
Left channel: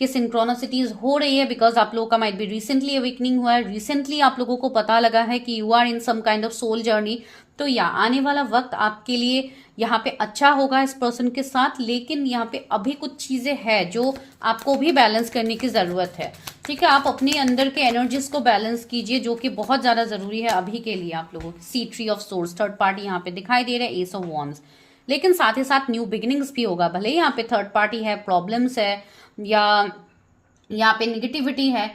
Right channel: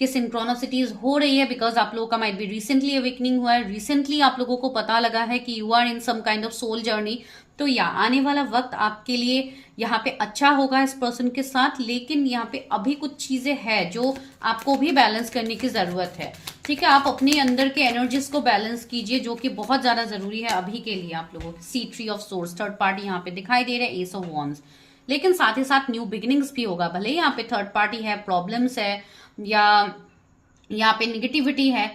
की सिंक्रोनसिटीज हो रही है बिकॉज आप लोगों का माइट बी रिसेंटली अवेकनिंग हुआ है, रिसेंटली आप लोगों को पता लगा है कि you are in some kind of soul journey. तो या आने वाला वक्त आपके लिए यहाँ पे अच्छा होगा इस पर्सन के साथ। लेकिन यहाँ पे अभी कुछ चीजें हैं जो आपको भी बैलेंस करने की जरूरत है। ठीक है, आप अपने अंदर के एनर्जीज को बैलेंस कीजिए, जो कि बहुत ज्यादा जरूरी है अभी के लिए आप लोगों की। See three of swords third party यहाँ पे दिखाई दे रहा है, एस ऑफ वॉन्ड्स। लेकिन साथ ही साथ न्यू बिगिनिंग्स भी होगा, भले ही यहाँ पे थर्ड पार्टी है, प्रॉब्लम्स है या यहाँ पे निगेटिविटी है,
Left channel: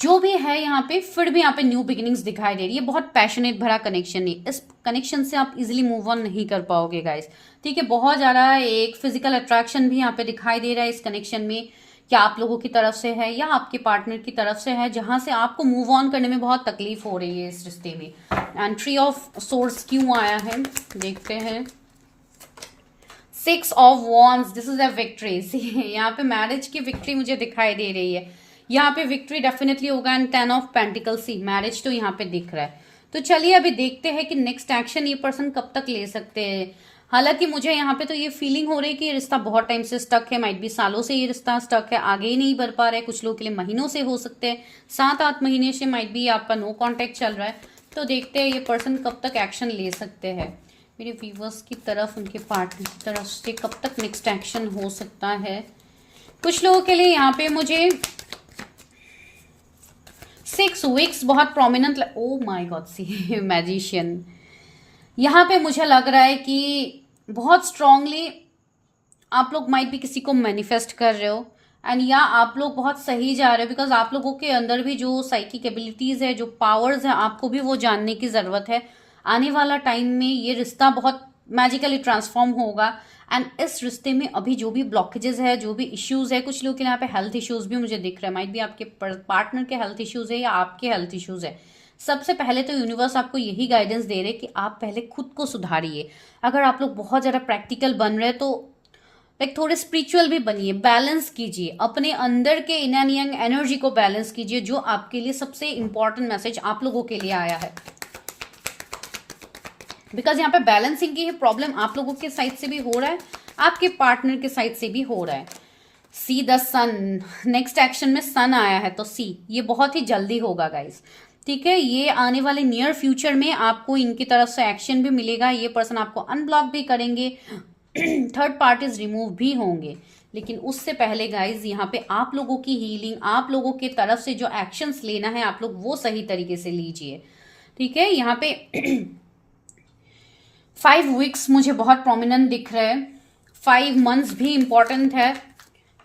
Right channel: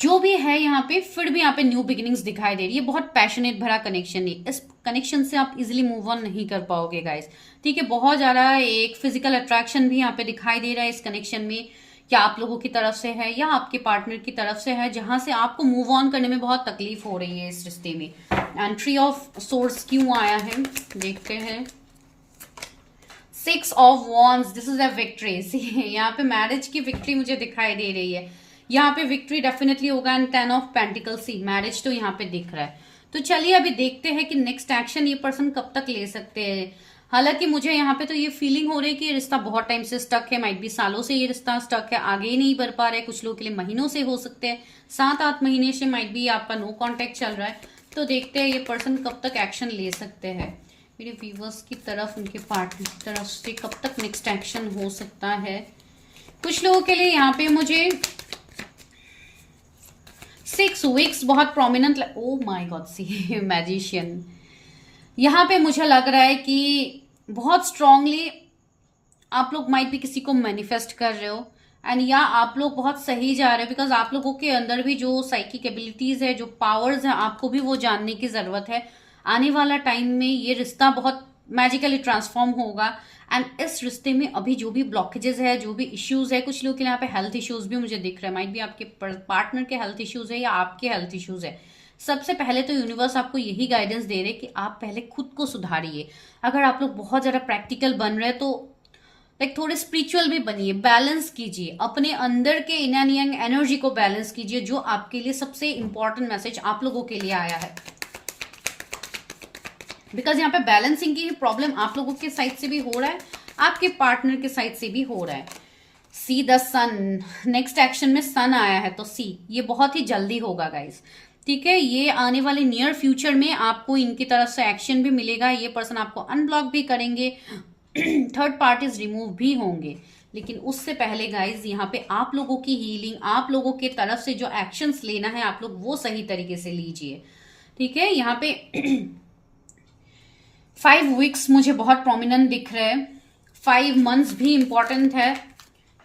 जो भी है यहाँ पे, फिर भी यहाँ पे न्यू बिगिनिंग्स दिखाई दे रही है। बहुत पैशनेट भरा कनेक्शन है, इस कनेक्शन से आप इजिली मूव ऑन नहीं कर पाओगे गाइस। ठीक है, बहुत ज्यादा एक फिजिकल अट्रैक्शन भी यहाँ पे दिखाई दे रहा है इस कनेक्शन में, क्या आप लोगों की तरफ से है या आपके पार्टनर की तरफ से है, जहां से आपको मूव ऑन करने में बहुत तकलीफ हो रही है इस रिश्ते में। एंड ट्री ऑफ सोर्स क्यों आया है देखते हैं। 6 of wands, this is a victory. यहाँ पे मैरिज की विक्ट्री मुझे दिखाई दे रही है, यहाँ पे विक्ट्री डेफिनेटली होगा। एंड 10 ऑफ पेंटिकल्स, मैरिज तो यहाँ पे दिख रहा है। तो चलिए अभी देखते हैं कि नेक्स्ट एक्शन ये पर्सन कब तक ले सकते हैं। हालांकि मुझे यहाँ पे तो ये फीलिंग हो रही है कि ये रिश्ता बहुत टाइम से स्टक है, माइट भी सालों से ये रिश्ता स्टक है, आगे ही नहीं बढ़ पा रहा है। कुछ लोगों के लिए महीनों से हो सकते हैं, 7-8 महीने से माइट भी आपका नो कांटेक्ट चल रहा है। तो देखते हैं ये पर्सन कब तक एक्शन ले सकते हैं। मेरे व्यूवर्स की तरफ, उनके पार्टनर की तरफ से कब तक नेक्स्ट एक्शन हो सकता है। कुछ लोगों के लिए यहाँ पे मुझे 6 वीक्स बहुत prominent, oh my God, see magician. यहाँ पे मुझे लग रहा है कि बहुत स्ट्रांगली आप लोग माइट भी किसी को मैनिफेस्ट कर रहे हो एंड या आप लोग बहुत सही जा रहे हो, बिकॉज आप लोगों के अंदर भी जो साइकिक एबिलिटीज है, जो पावर्स है, आपको भी वो जानने की जरूरत है। आने वाला टाइम में ये रिश्ता बहुत मैजिकली ट्रांसफॉर्म होगा। एंड इस रिश्ते में अभी जो भी ब्लॉकेजेस है, जो भी इश्यूज है, कुछ लोग के यहाँ पे हेल्थ इश्यूज भी मुझे दिख रहे हैं, माइट भी आपके पार्टनर के हेल्थ इश्यूज है या आपके हेल्थ इश्यूज है। सबसे पहले तो यूनिवर्स आपको यही गाइडेंस दे रहे कि आप पहले खुद को सुधारिए। अगर आप लोग बहुत ज्यादा प्रैक्टिकल बन रहे हैं तो लाइक थोड़े स्पिरिचुअल भी बनिए, बैलेंस कीजिए अपने अंदर के इन एंड यंग एनर्जी को बैलेंस कीजिए, जो आपके लिए सबसे इंपॉर्टेंट मैसेज आप लोगों के लिए आया है। बिकॉज यहाँ पे बैलेंसिंग की प्रॉब्लम आप लोगों के साइड से भी हो रहा है, आपके पार्टनर के साइड से भी हो रहा है। See the sun, next action में सन आया है, तो सी ये बहुत ही जल्दी होगा गाइस। ठीक है, ये आने वाले नियर फ्यूचर में आपको इनकी तरफ से एक्शन भी मिलेगा। ये पर्सन आपको अनब्लॉक भी करेंगे, थर्ड पार्टीज रिमूव भी होंगे। लेकिन उससे पहले गाइज यहाँ पे आप लोगों की हीलिंग, आप लोगों के तरफ से जो एक्शंस लेना है आप लोग वो सही तरीके से लीजिए। ठीक है, यहाँ पे 5 वीक्स मुझे बहुत प्रोमिनेंट दिख रहे हैं, 5 मंथ्स भी इंपॉर्टेंट है।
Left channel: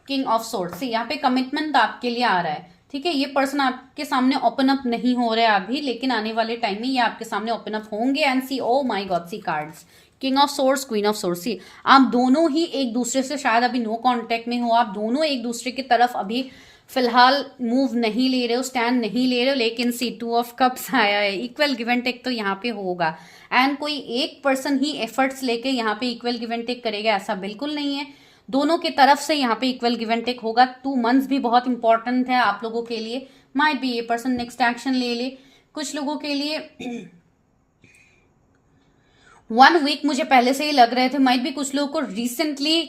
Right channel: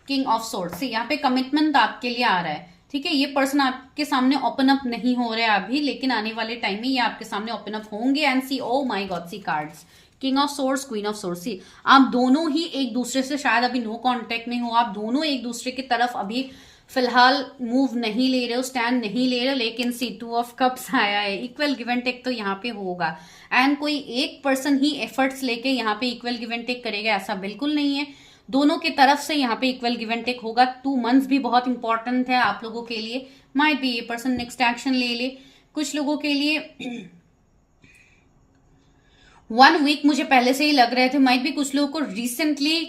किंग ऑफ सोर्ड्स, यहाँ पे कमिटमेंट आपके लिए आ रहा है। ठीक है, ये पर्सन आपके सामने ओपन अप नहीं हो रहा है अभी, लेकिन आने वाले टाइम में ये आपके सामने ओपन अप होंगे। And see, oh my God, see cards, king of swords, queen of swords. See आप दोनों ही एक दूसरे से शायद अभी नो कांटेक्ट में हो, आप दोनों एक दूसरे की तरफ अभी फिलहाल मूव नहीं ले रहे हो, स्टैंड नहीं ले रहे हो। लेकिन सी 2 ऑफ कप्स आया है, इक्वल गिव एंड टेक तो यहाँ पे होगा। एंड कोई एक पर्सन ही एफर्ट्स लेके यहाँ पे इक्वल गिव एंड टेक करेगा ऐसा बिल्कुल नहीं है, दोनों के तरफ से यहाँ पे इक्वल गिव एंड टेक होगा। 2 मंथ्स भी बहुत इंपॉर्टेंट है आप लोगों के लिए, माइट भी ये पर्सन नेक्स्ट एक्शन ले ले। कुछ लोगों के लिए 1 वीक मुझे पहले से ही लग रहे थे, माइट भी कुछ लोगों को रिसेंटली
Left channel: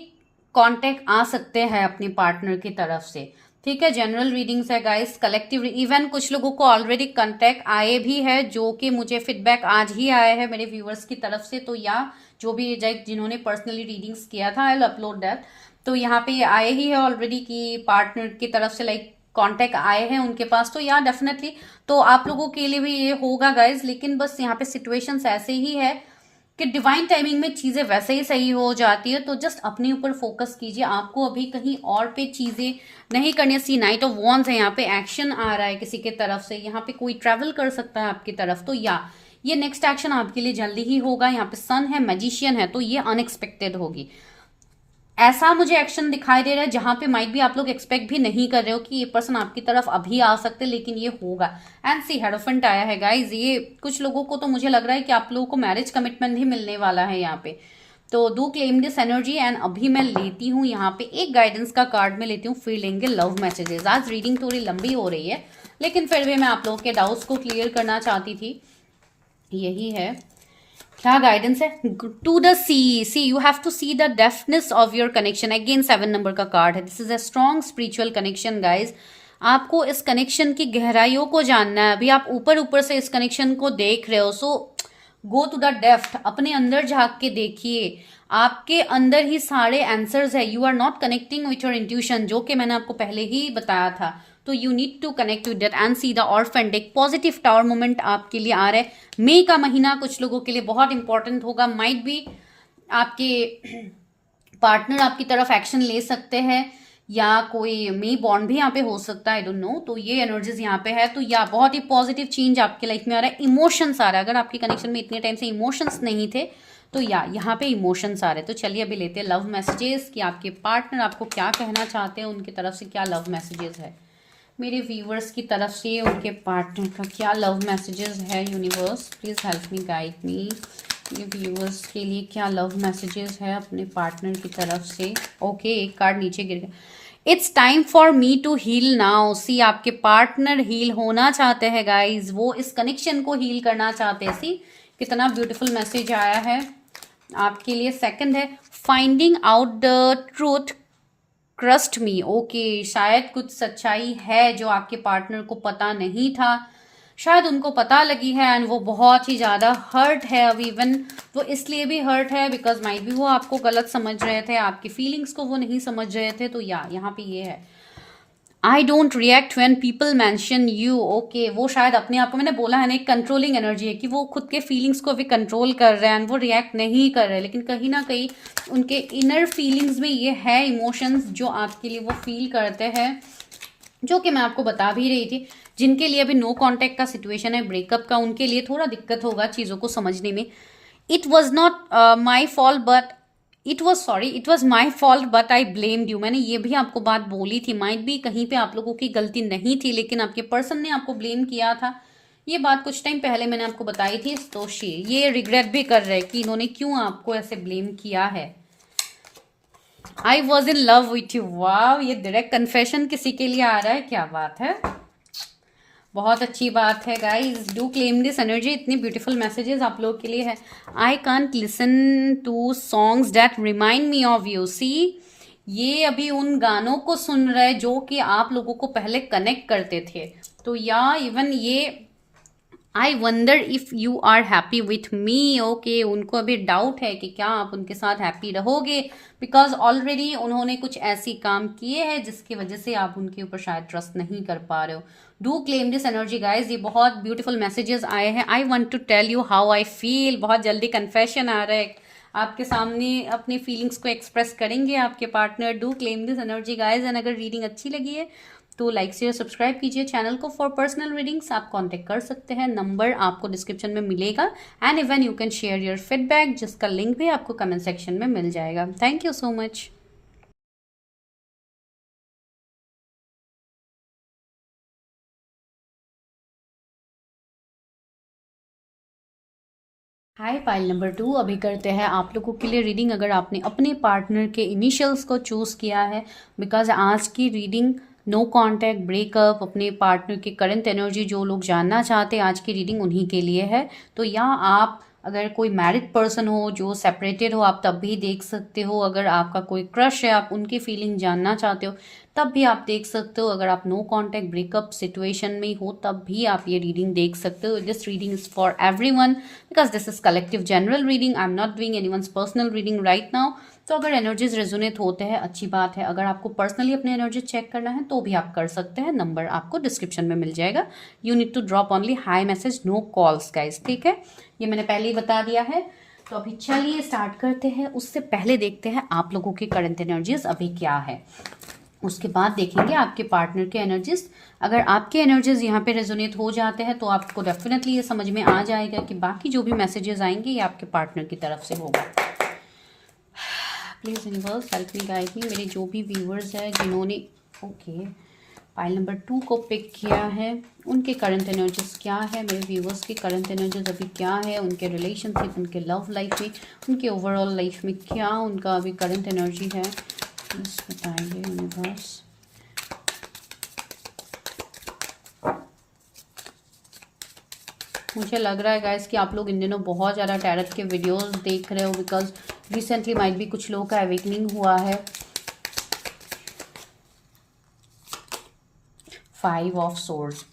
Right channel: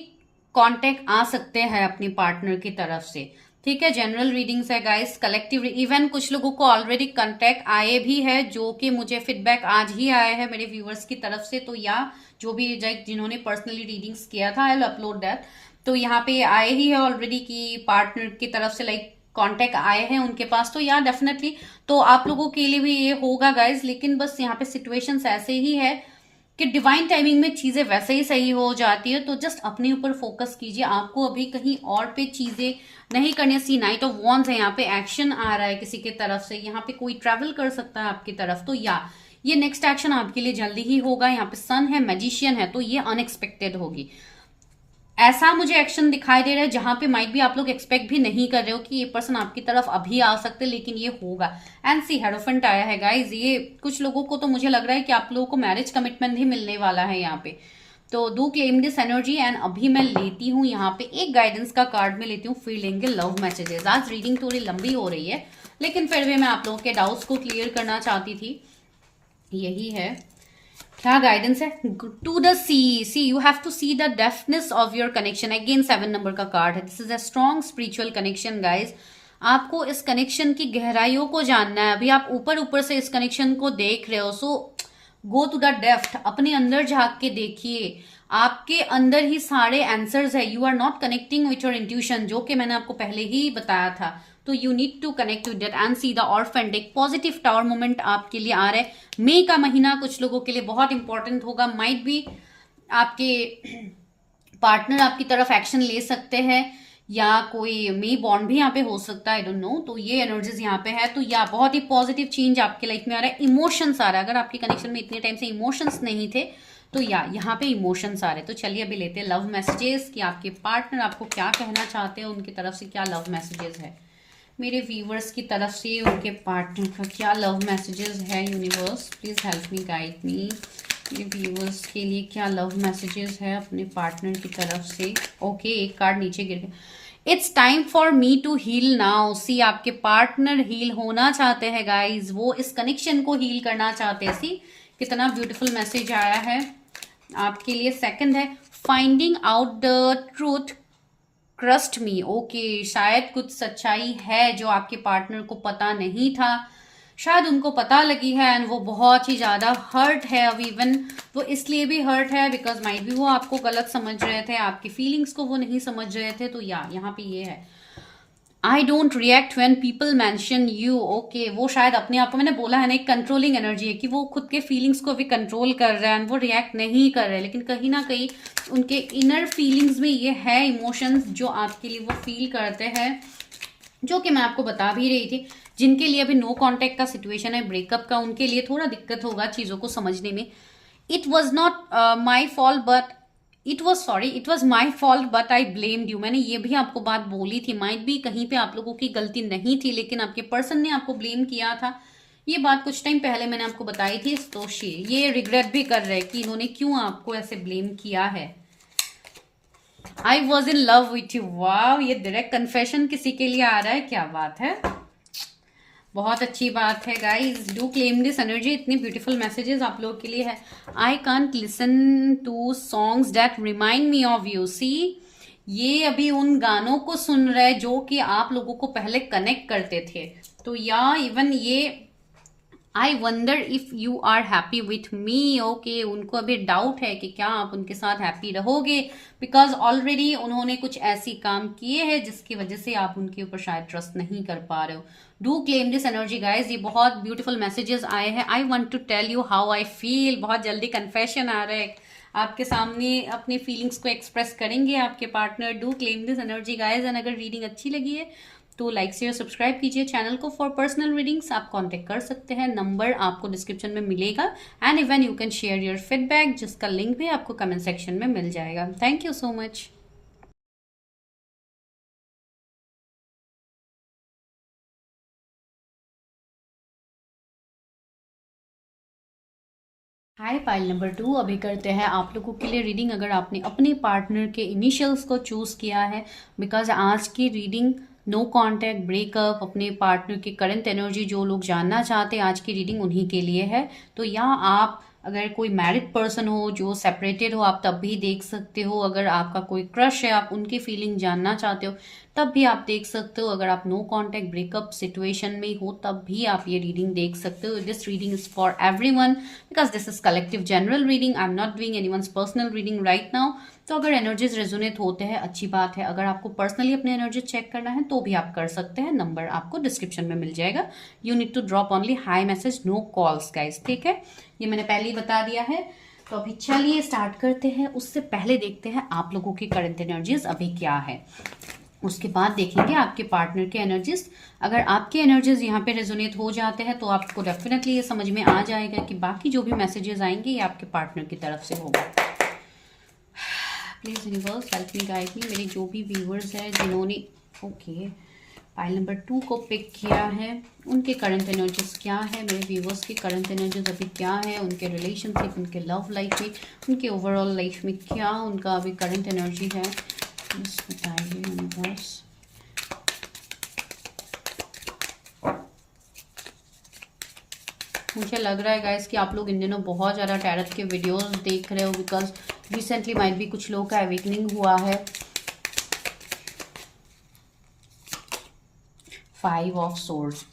कांटेक्ट आ सकते हैं अपने पार्टनर की तरफ से। ठीक है, जनरल रीडिंग्स है गाइस, कलेक्टिव इवन कुछ लोगों को ऑलरेडी कांटेक्ट आए भी है, जो कि मुझे फीडबैक आज ही आया है मेरे व्यूअर्स की तरफ से। तो या जो भी जिन्होंने पर्सनली रीडिंग्स किया था, आई विल अपलोड दैट। तो यहाँ पे आए ही है ऑलरेडी कि पार्टनर की तरफ से लाइक कांटेक्ट आए हैं उनके पास। तो या डेफिनेटली तो आप लोगों के लिए भी ये होगा गाइज। लेकिन बस यहाँ पे सिचुएशंस ऐसे ही है कि डिवाइन टाइमिंग में चीजें वैसे ही सही हो जाती है। तो जस्ट अपने ऊपर फोकस कीजिए, आपको अभी कहीं और पे चीजें नहीं करनी। सी नाइट ऑफ वॉन्ड्स है, यहाँ पे एक्शन आ रहा है किसी के तरफ से, यहाँ पे कोई ट्रैवल कर सकता है आपकी तरफ। तो या ये नेक्स्ट एक्शन आपके लिए जल्दी ही होगा। यहाँ पे सन है, मैजिशियन है, तो ये अनएक्सपेक्टेड होगी। ऐसा मुझे एक्शन दिखाई दे रहा है जहां पे माइट भी आप लोग एक्सपेक्ट भी नहीं कर रहे हो कि ये पर्सन आपकी तरफ अभी आ सकते, लेकिन ये होगा। एंड सी हेरोफेंट आया है गाइज। ये कुछ लोगों को तो मुझे लग रहा है कि आप लोगों को मैरिज कमिटमेंट ही मिलने वाला है यहाँ पे। तो do claim this energy. And अभी मैं लेती हूँ यहाँ पे एक गाइडेंस का कार्ड में लेती हूँ, फिर लेंगे लव मैसेजेस। आज रीडिंग थोड़ी लंबी हो रही है, लेकिन फिर भी मैं आप लोगों के डाउट्स को क्लियर करना चाहती थी। यही है, क्या गाइडेंस है। To the see you have to see the depthness of your connection. Again 7 number का कार्ड है। This is a strong spiritual connection guys. आपको इस कनेक्शन की गहराइयों को जानना है। अभी आप ऊपर ऊपर से इस कनेक्शन को देख रहे हो, सो गो टू द डेप्थ। अपने अंदर झांक के देखिए, आपके अंदर ही सारे आंसर्स है। You are not connecting with your intuition, जो कि मैंने आपको पहले ही बताया था। तो you need to connect with that and see the orphan deck. Positive tower moment आपके लिए आ रहा है। मई का महीना कुछ लोगों के लिए बहुत इंपॉर्टेंट होगा। माइट भी आपके पार्टनर आपकी तरफ एक्शन ले सकते हैं, या कोई मई बॉन्ड भी यहाँ पे हो सकता है, आई डोंट नो। तो ये एनर्जीज यहाँ पे है। तो या बहुत ही पॉजिटिव चेंज आपके लाइफ में आ रहा है। इमोशंस आ रहा है। अगर आपके कनेक्शन में इतने टाइम से इमोशंस नहीं थे, तो या यहाँ पे इमोशंस आ रहे हैं। तो चलिए अभी लेते हैं लव मैसेजेस कि आपके पार्टनर आपको क्या कहना चाहते हैं, उनकी तरफ से क्या लव मैसेजेस है। मेरे व्यूवर्स की तरफ से उनके पार्टनर का क्या लव मैसेजेस है। Universe please help me, guide me. मेरे व्यूवर्स के लिए क्या लव मैसेजेस है अपने पार्टनर की तरफ से। ओके, एक कार्ड नीचे गिर गया। It's time for me to heal now. See आपके पार्टनर हील होना चाहते हैं गाइज। वो इस कनेक्शन को हील करना चाहते हैं। सी कितना ब्यूटीफुल मैसेज आया है आपके लिए। सेकंड है finding out the truth, trust me. Okay, शायद कुछ सच्चाई है जो आपके पार्टनर को पता नहीं था, शायद उनको पता लगी है एंड वो बहुत ही ज्यादा हर्ट है। अब इवन वो इसलिए भी हर्ट है बिकॉज माइट भी वो आपको गलत समझ रहे थे, आपकी फीलिंग्स को वो नहीं समझ रहे थे। तो यहाँ पे ये है, I don't react when people mention you. Okay, वो शायद अपने आप को, मैंने बोला है ना, एक कंट्रोलिंग एनर्जी है कि वो खुद के फीलिंग्स को भी कंट्रोल कर रहे हैं, वो रिएक्ट नहीं कर रहे, लेकिन कहीं ना कहीं उनके इनर फीलिंग्स में ये है इमोशंस जो आपके लिए वो फील करते हैं, जो कि मैं आपको बता भी रही थी। जिनके लिए अभी नो कॉन्टेक्ट का सिचुएशन है, ब्रेकअप का, उनके लिए थोड़ा दिक्कत होगा चीज़ों को समझने में। It was not my fault but it was my fault but I blamed you. मैंने ये भी आपको बात बोली थी। माइट भी कहीं पे आप लोगों की गलती नहीं थी, लेकिन आपके पर्सन ने आपको ब्लेम किया था। ये बात कुछ टाइम पहले मैंने आपको बताई थी। तो ये रिग्रेट भी कर रहे हैं कि इन्होंने क्यों आपको ऐसे ब्लेम किया है। I was in love with you. Wow, ये डायरेक्ट कन्फेशन किसी के लिए आ रहा है, क्या बात है, बहुत अच्छी बात है guys. Do claim this energy. इतनी ब्यूटीफुल मैसेजेस आप लोगों के लिए है। I can't listen to songs that remind me of you. See ये अभी उन गानों को सुन रहे हैं जो कि आप लोगों को पहले कनेक्ट करते थे। तो या इवन ये I wonder if you are happy with me. Okay, उनको अभी डाउट है कि क्या आप उनके साथ हैप्पी रहोगे, बिकॉज ऑलरेडी उन्होंने कुछ ऐसी काम किए हैं जिसकी वजह से आप उनके ऊपर शायद ट्रस्ट नहीं कर पा रहे हो। Do claim this energy guys. ये बहुत ब्यूटीफुल मैसेजेस आए हैं। I want to tell you how I feel. बहुत जल्दी कन्फेशन आ रहा है, आपके सामने अपनी फीलिंग्स को एक्सप्रेस करेंगे आपके partner. Do claim this energy guys. And अगर रीडिंग अच्छी लगी है तो लाइक शेयर सब्सक्राइब कीजिए चैनल को। फॉर पर्सनल रीडिंग्स आप कांटेक्ट कर सकते हैं, नंबर आपको डिस्क्रिप्शन में मिलेगा। And even you can share your feedback, जिसका लिंक भी आपको कमेंट सेक्शन में मिल जाएगा। Thank you so much. Hi pile number 2। अभी करते हैं आप लोगों के लिए रीडिंग अगर आपने अपने पार्टनर के इनिशियल्स को चूज किया है, बिकॉज आज की रीडिंग नो कॉन्टैक्ट, ब्रेकअप, अपने पार्टनर की करंट एनर्जी जो लोग जानना चाहते हैं, आज की रीडिंग उन्हीं के लिए है। तो यहाँ आप अगर कोई मैरिड पर्सन हो जो सेपरेटेड हो, आप तब भी देख सकते हो। अगर आपका कोई क्रश है, आप उनकी फीलिंग जानना चाहते हो, तब भी आप देख सकते हो। अगर आप नो कॉन्टैक्ट ब्रेकअप सिचुएशन में हो, तब भी आप ये रीडिंग देख सकते हो। This reading is for everyone because this is collective general reading. I am not doing anyone's personal reading right now. तो अगर एनर्जीज रेजोनेट होते हैं अच्छी बात है। अगर आपको पर्सनली अपने एनर्जी चेक करना है तो भी आप कर सकते हैं, नंबर आपको डिस्क्रिप्शन में मिल जाएगा। You need to drop only hi message, no calls guys, ठीक है। ये मैंने पहले ही बता दिया है। तो अभी चलिए स्टार्ट करते हैं। उससे पहले देखते हैं आप लोगों की करंट एनर्जीज अभी क्या है। उसके बाद देखेंगे आपके पार्टनर के एनर्जीज। अगर आपके एनर्जीज यहाँ पे रेजोनेट हो जाते हैं तो आपको डेफिनेटली ये समझ में आ जाएगा कि बाकी जो भी मैसेजेस आएंगे ये आपके पार्टनर की तरफ से होगा। Please universe help me guide me. मेरे जो भी व्यूअर्स हैं जिन्होंने पाइल नंबर 2 को पिक किया है, उनके करंट एनर्जीज क्या है, मेरे व्यूवर्स की करंट एनर्जीज अभी क्या है, उनके रिलेशनशिप, उनके लव लाइफ में, उनके ओवरऑल लाइफ में क्या उनका अभी करंट एनर्जी है, प्लीज बताइए यूनिवर्स। मुझे लग रहा है गाइस कि आप लोग इन दिनों बहुत ज़्यादा टैरट के वीडियोस देख रहे हो, बिकॉज रिसेंटली माइट भी कुछ लोगों का अवेकनिंग हुआ है। 5 of swords,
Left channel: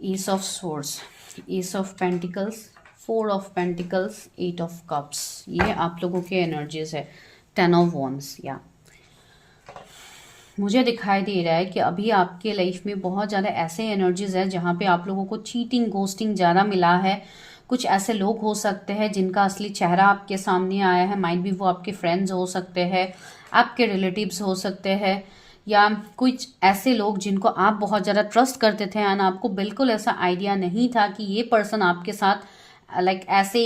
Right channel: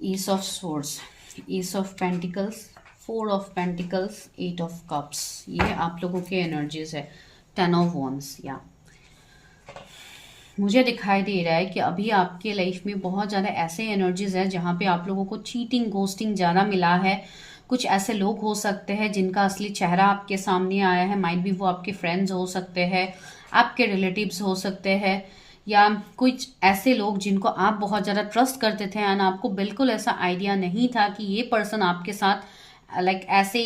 S of swords, S of pentacles, 4 of pentacles, 8 of cups, ये आप लोगों के एनर्जीज है। 10 ऑफ वॉन्ड्स, या मुझे दिखाई दे रहा है कि अभी आपके लाइफ में बहुत ज़्यादा ऐसे एनर्जीज है जहाँ पे आप लोगों को चीटिंग, गोस्टिंग ज़्यादा मिला है। कुछ ऐसे लोग हो सकते हैं जिनका असली चेहरा आपके सामने आया है, माइट भी वो आपके फ्रेंड्स हो सकते हैं, आपके रिलेटिव्स हो सकते हैं, या कुछ ऐसे लोग जिनको आप बहुत ज़्यादा ट्रस्ट करते थे एंड आपको बिल्कुल ऐसा आइडिया नहीं था कि ये पर्सन आपके साथ लाइक ऐसे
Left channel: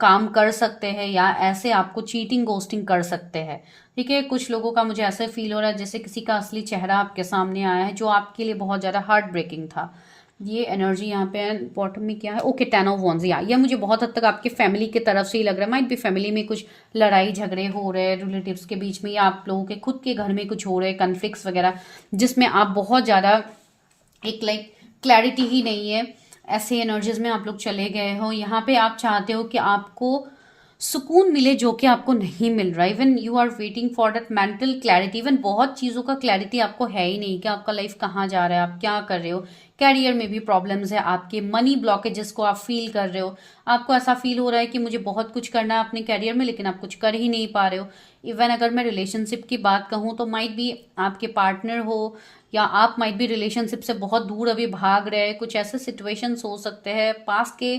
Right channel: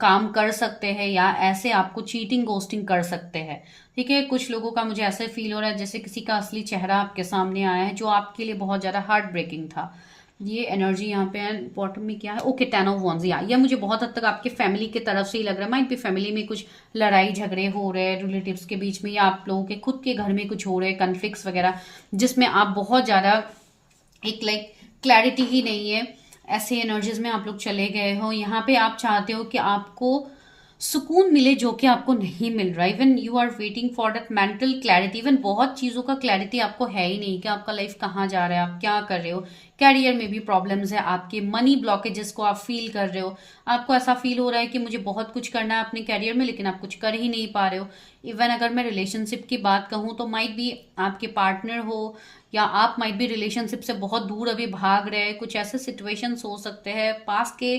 काम कर सकते हैं या ऐसे आपको चीटिंग, गोस्टिंग कर सकते हैं। ठीक है, कुछ लोगों का मुझे ऐसे फील हो रहा है जैसे किसी का असली चेहरा आपके सामने आया है जो आपके लिए बहुत ज़्यादा हार्ट ब्रेकिंग था। ये एनर्जी यहाँ पे बॉटम में क्या है, 10 ऑफ वॉन्ड्स, या ये मुझे बहुत हद तक आपके फैमिली की तरफ से ही लग रहा है। माइट भी फैमिली में कुछ लड़ाई झगड़े हो रहे हैं रिलेटिव्स के बीच में, या आप लोगों के खुद के घर में कुछ हो रहे हैं कन्फ्लिक्ट्स वगैरह, जिसमें आप बहुत ज़्यादा एक लाइक क्लैरिटी ही नहीं है। ऐसे एनर्जीज में आप लोग चले गए हो। यहाँ पे आप चाहते हो कि आपको सुकून मिले जो कि आपको नहीं मिल रहा। Even you are waiting for that mental clarity. Even बहुत चीज़ों का क्लैरिटी आपको है ही नहीं कि आपका लाइफ कहाँ जा रहा है, आप क्या कर रहे हो। कैरियर में भी प्रॉब्लम्स है, आपके मनी ब्लॉकेजेस को आप फील कर रहे हो। आपको ऐसा फील हो रहा है कि मुझे बहुत कुछ करना है अपने कैरियर में लेकिन आप कुछ कर ही नहीं पा रहे हो। इवन अगर मैं रिलेशनशिप की बात कहूँ तो माइट भी आपके पार्टनर हो या आप माइट भी रिलेशनशिप से बहुत दूर अभी भाग रहे हैं। कुछ ऐसे सिचुएशंस हो सकते हैं, पास्ट के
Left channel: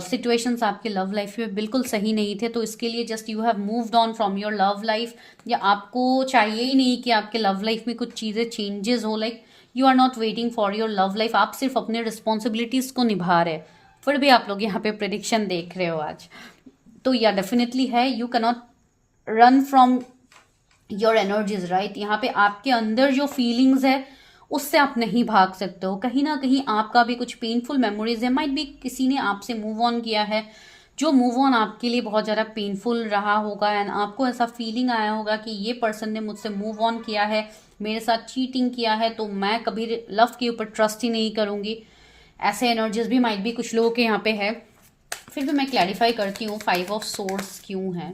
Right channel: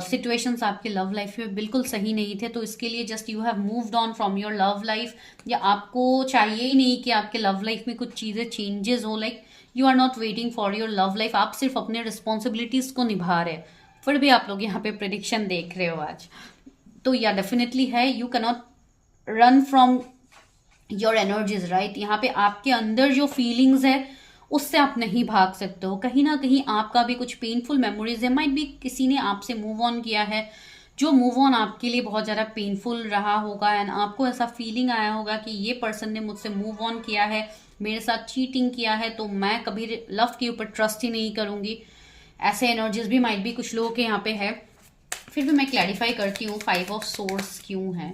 सिचुएशंस आपके लव लाइफ में बिल्कुल सही नहीं थे, तो इसके लिए just you have moved on from your love life, या आपको चाहिए ही नहीं कि आपके लव लाइफ में कुछ चीज़ें चेंजेस हो। Like you are not waiting for your love life, आप सिर्फ अपने रिस्पॉन्सिबिलिटीज को निभा रहे हैं, फिर भी आप लोग यहाँ पे प्रेडिक्शन देख रहे हो आज। तो या डेफिनेटली है, you cannot run from your energies, right. यहाँ पे आपके अंदर जो फीलिंग्स है उससे आप नहीं भाग सकते हो। कहीं ना कहीं आपका भी कुछ पेनफुल मेमोरीज है, माइट भी किसी ने आपसे मूव ऑन किया है, जो मूव ऑन आपके लिए बहुत ज़्यादा पेनफुल रहा होगा एंड आपको ऐसा फीलिंग आया होगा कि ये पर्सन ने मुझसे मूव ऑन किया है, मेरे साथ चीटिंग किया है, तो मैं कभी लव के ऊपर ट्रस्ट ही नहीं करूँगी। ऐसे एनर्जीज भी माइट भी कुछ लोगों के यहाँ पे है। फिर भी मैं क्लैरिफाई करती हूँ 5 ऑफ सोर्स क्यों है,